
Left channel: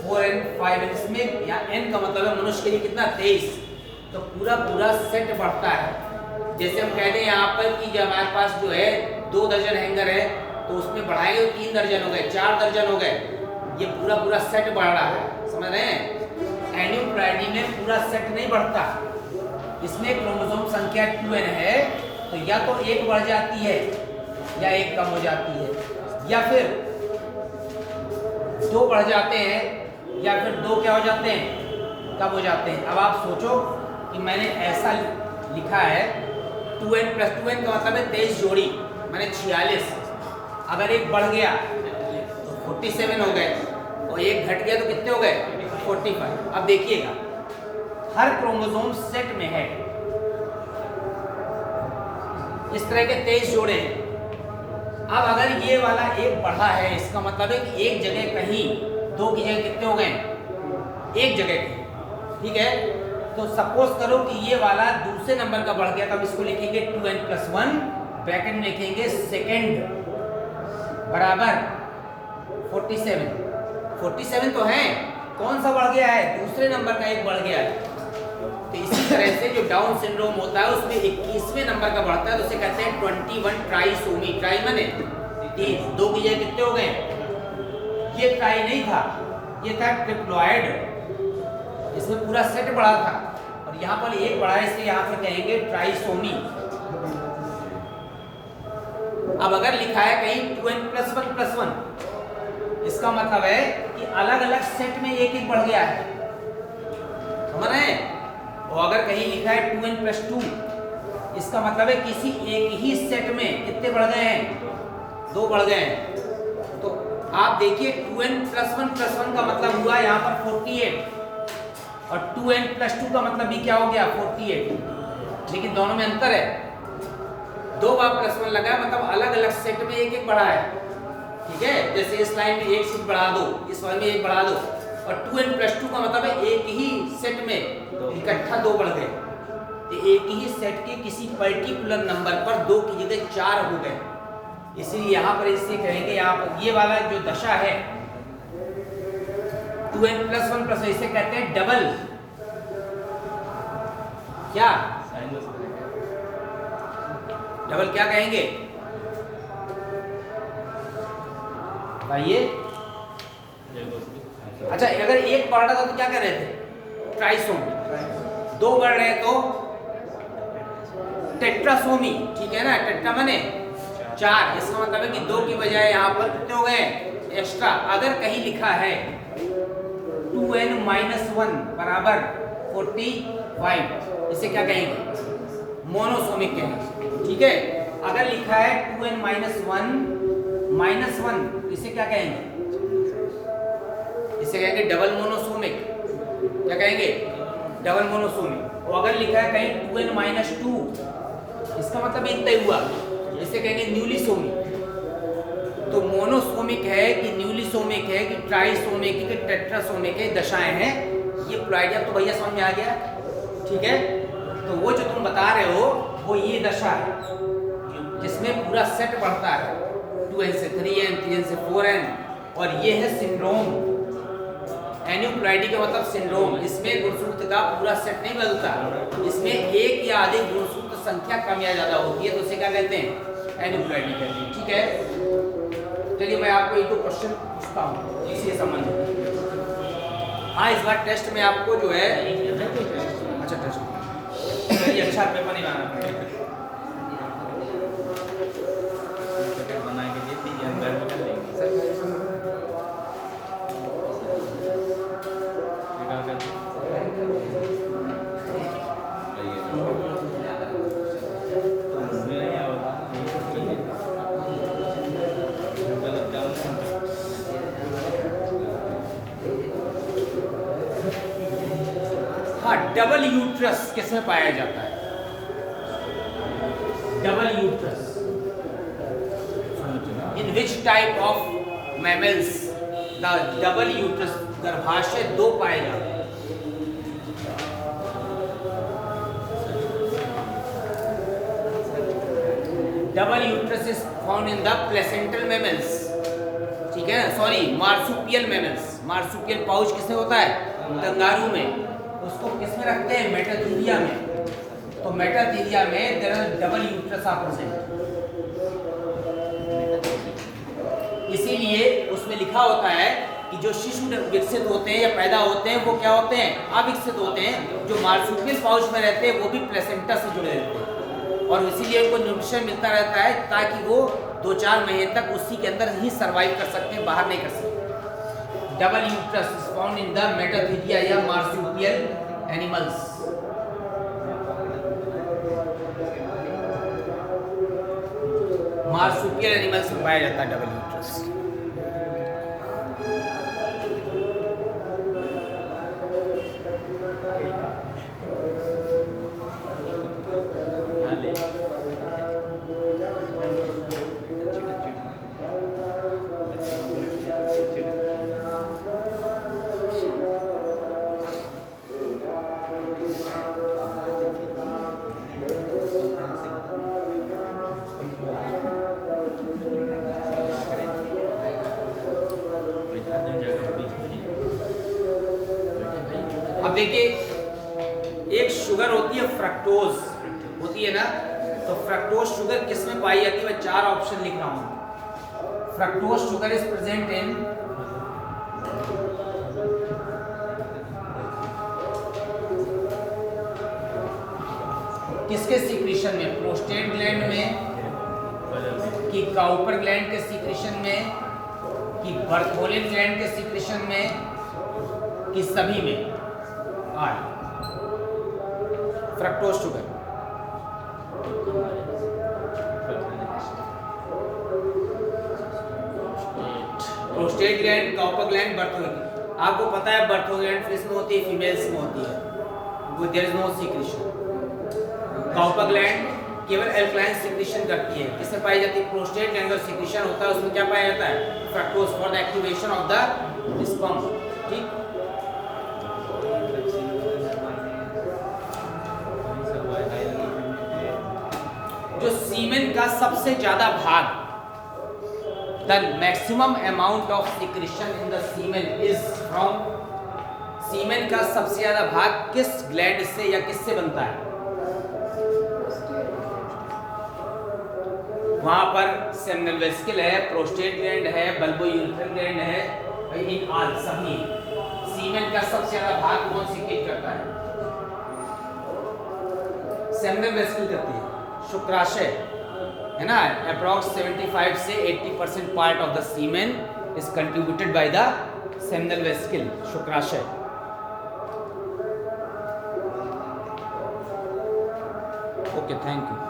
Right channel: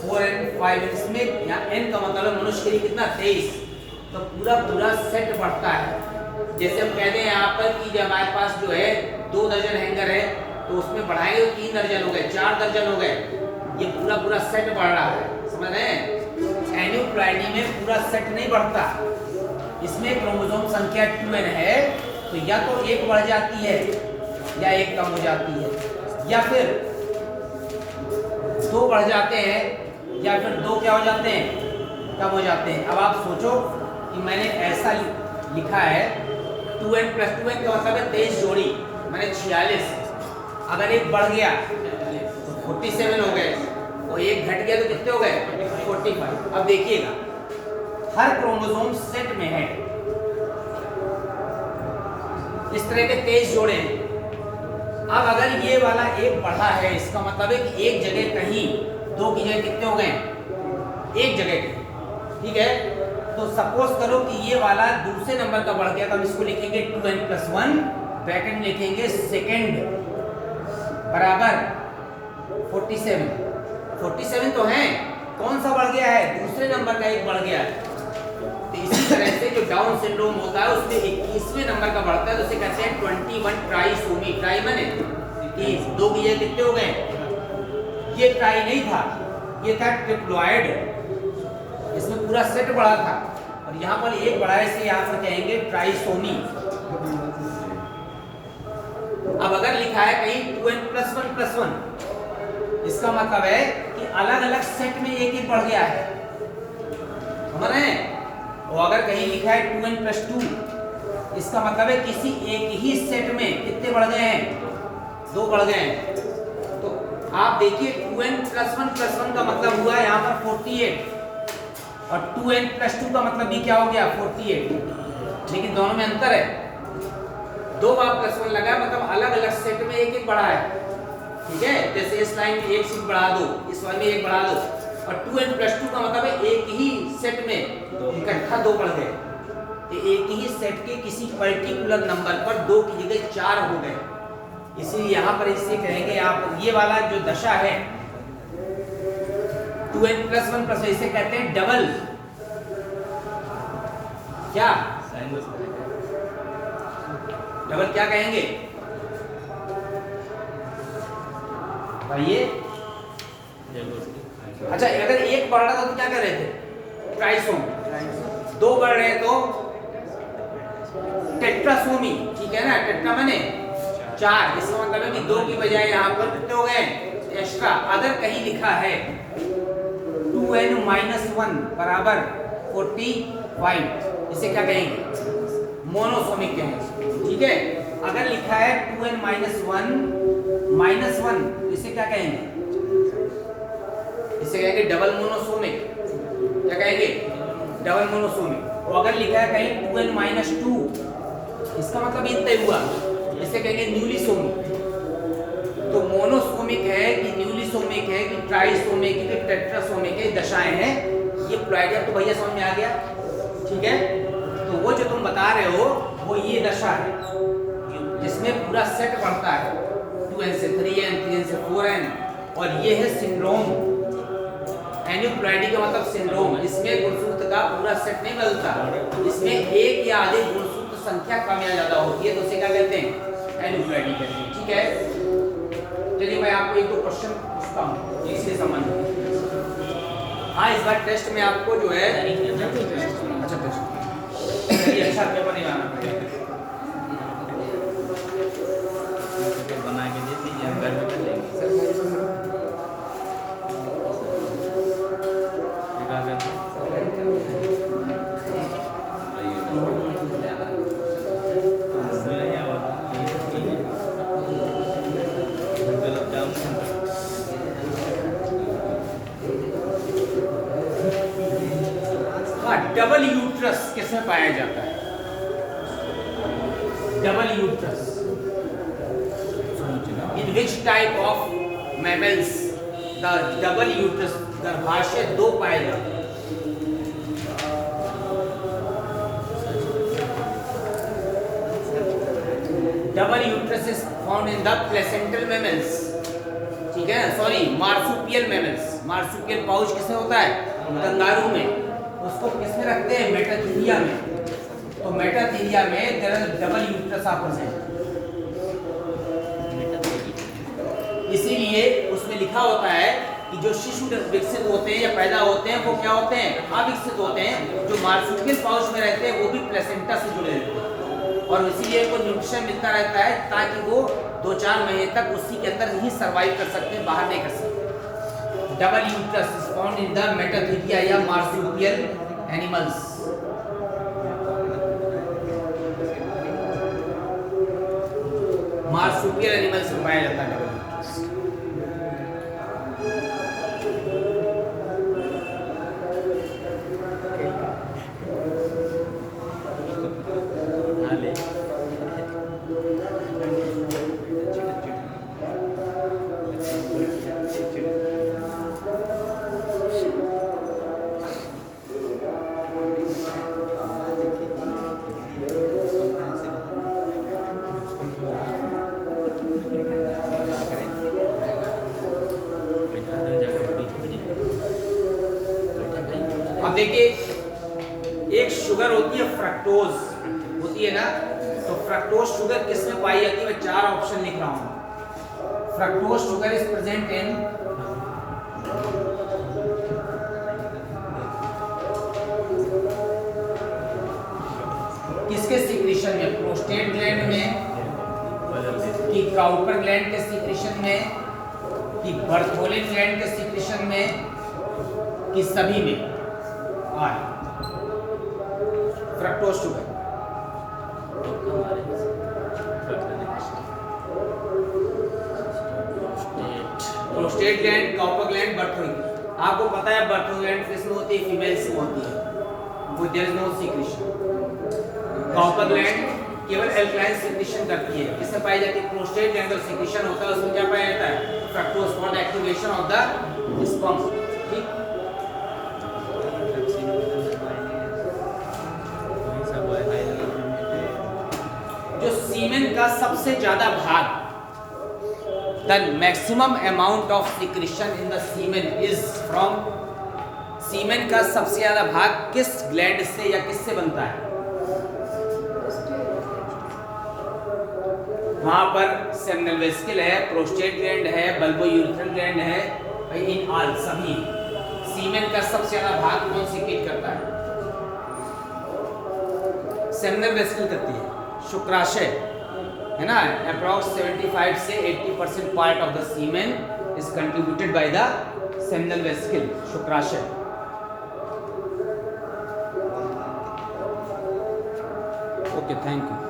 4n, 5n, इसमें या n का मतलब है मनुष्य के लिए कितना? 23, तो पूरा सेट बढ़ता है। जैसे हम कहते हैं यहाँ पर कि जब हमारे पास जो है 2 दर्जन हैंगर है, तो उसमें बढ़ाएंगे तो 3 दर्जन हो गए, 4 दर्जन हो गए, ये पूरा सेट बढ़ रहा है, समझ रहे हैं। एन्यूप्लॉइडी में पूरा सेट नहीं बढ़ता, इसमें क्रोमोसोम संख्या 2n है, तो या तो 1 बढ़ जाती है या 1 कम हो जाती है, या फिर 2 बढ़ जाते हैं या फिर 2 क्या हो जाते हैं, कम हो जाते हैं। अब आप सोचो कि मैंने ऐसा लिखा है 2n + 2n का मतलब है 23 जोड़ी, मैंने 46। अगर एक बढ़ गया तो 47 हो गए और एक घट गया तो कितने हो गए, 45। अब देखिएगा हर क्रोमोसोम सेट में है इस तरह के 23 जोड़े हैं। अब अगर ये वाला एक बढ़ा है, इसका मतलब है कि एक जगह कहीं 2 की जगह कितने हो गए, एक जगह कहीं, ठीक है। तो सपोज करो कि ये वाला दूसरे नंबर का बढ़ गया, तो हम इसको लिखेंगे 2n + 1, ब्रैकेट में लिखेंगे सेकंड बराबर 47। 47 तो है, कौन सा बढ़ गया है, दूसरे नंबर का एक बढ़ गया है। तो इसी तरह से जो डाउन सिंड्रोम होता है उसमें 21वें नंबर का बढ़ता है, तो उसे कहते हैं 21 ट्राइसोमी। ट्राई माने 30, 2 की जगह कितने हो गए। ये ट्राई नहीं था, ये था ट्रिप्लॉइड, इसमें पूरा सेट बढ़ा था और यहाँ पर एक बढ़ा है, इसे यहाँ पर कहेंगे ट्राइसोमी। अब अगर लिखा है कहीं 2n + 1 + 1, इसका मतलब है कि अलग अलग सेट में एक एक बढ़ गया है, समझ रहे हैं। और अगर कहीं लिखा है 2n + 2, इसका मतलब है किसी एक ही सेट में कितने बढ़ गए हैं, 2 बढ़ गए हैं। तो आप देखिए 2n + 1 + 1 का मतलब हुआ यहाँ पर 48 और 2n + 2 का मतलब भी क्या हो गया, 48। लेकिन दोनों में अंतर है, 2 बार +1 लगा है मतलब अलग अलग सेट में एक एक बढ़ा है, ठीक है। जैसे इस लाइन में एक सीट बढ़ा दो, इस वाले में एक बढ़ा दो, और 2n + 2 का मतलब है एक ही सेट में इकट्ठा 2 बढ़ गए। तो एक ही सेट के किसी पर्टिकुलर नंबर पर 2 की जगह 4 हो गए, इसलिए यहाँ पर इसे कहेंगे, यहाँ पर ये वाला जो दशा है 2n + 1 + 1, इसे कहते हैं डबल, क्या डबल क्या कहेंगे बताइए। अच्छा अगर एक बढ़ रहा था तो क्या कर रहे थे, ट्राइसोमी। 2 बढ़ रहे तो टेट्रासोमी, ठीक है ना। टेट्रा माने 4, इसका मतलब है कि 2 की बजाय यहाँ पर कितने हो गए एक्स्ट्रा। अगर कहीं लिखा है 2n - 1 बराबर 45, इसे क्या कहेंगे, मोनोसोमिक कहेंगे, ठीक है। अगर लिखा है 2n - 1 - 1, इसे क्या कहेंगे, इसे कहेंगे डबल मोनोसोमिक। क्या कहेंगे, डबल मोनोसोमिक। और अगर लिखा है कहीं 2n - 2, इसका मतलब ये तय हुआ, इसे कहेंगे न्यूलिसोमिक। तो मोनोसोमिक है कि न्यूलिसोमिक है कि ट्राइसोमिक है कि टेट्रासोमिक है, दशाएं हैं ये प्लॉइडिया। तो भैया समझ में आ गया, ठीक है। तो वो जो तुम बता रहे हो वो ये दशा है जिसमें पूरा सेट बढ़ता है, 2n से 3n, 3n से 4n, और ये है सिंड्रोम। एन्यूप्लॉइडी का मतलब सिंड्रोम, इसमें गुणसूत्र का पूरा सेट नहीं बदलता, इसमें एक या अधिक गुणसूत्र संख्या कम या ज्यादा होती है, तो उसे क्या कहते हैं, एन्यूप्लॉइडी कहते हैं, ठीक है। चलिए मैं आपको 1-2 क्वेश्चन पूछता हूँ इसी संबंध में। हाँ इस बार टेस्ट में आपको जो है अच्छा पेपर नहीं लाना पड़ेगा। बना के दे दीजिए, हम घर में कर लेंगे। डबल यूट्रस किसमें पाया जाता है, double uterus, in which type of mammals the double uterus, गर्भाशय 2 पाए जाते हैं। Double uterus is found in the placental mammals, ठीक है, sorry marsupial mammals. Marsupial pouch किसमें होता है, कंगारू में, उसको किसमें रखते हैं, मेटाथीलिया में। तो मेटाथीलिया में there is double uterus are present, इसीलिए उसमें लिखा होता है कि जो शिशु विकसित होते हैं या पैदा होते हैं वो क्या होते हैं, अविकसित होते हैं। जो मार्सुपियल पाउच में रहते हैं वो भी प्लेसेंटा से जुड़े रहते हैं और इसीलिए उनको न्यूट्रिशन मिलता रहता है ताकि वो 2-4 महीने तक उसी के अंदर ही सर्वाइव कर सकते हैं, बाहर नहीं कर सकते। Double uterus is found in the Metatheria या मार्supial एनिमल्स। मार्supial एनिमल्स में पाया जाता है डबल यूट्रस। अब देखिए एक शुगर होती है फ्रक्टोज होती है ना, तो फ्रक्टोज शुगर किसमें पाई जाती है? मैं 4 ऑप्शन लिख रहा हूं। Fructose sugar is present in किसके सीक्रेशन में? प्रोस्टेट ग्लैंड में, कि काउपर ग्लैंड के सीक्रेशन में, कि बर्थोलिन ग्लैंड के सीक्रेशन में, कि सभी में? Fructose sugar prostate gland, Cowper gland, Bartholin. आपको पता है बर्थोलिन ग्लैंड किसमें होती है? फीमेल्स में होती है, there is no secretion. Cowper gland केवल एल्कलाइन सीक्रेशन करती है, किसमें पाई जाती है? प्रोस्टेट ग्लैंड का सीक्रेशन होता है, उसमें क्या पाया जाता है? Fructose for the activation of the sperm. ठीक, जो सीमेन का सबसे ज्यादा भाग, the maximum amount of secretion in the semen is from, semen का सबसे ज्यादा भाग किस ग्लैंड से या किससे बनता है? वहां पर सेमिनल वेसिकल है, प्रोस्टेट ग्लैंड है, बल्बोयूरेथ्रल ग्लैंड है, इन ऑल सभी सीमेन का सबसे ज्यादा भाग कौन सीक्रेट करता है? सेमिनल वेसिकल करती है। शुक्राशय है ना, अप्रॉक्स 75 से 80% part of the semen is contributed by the seminal vesicle, शुक्राशय। Okay, thank you.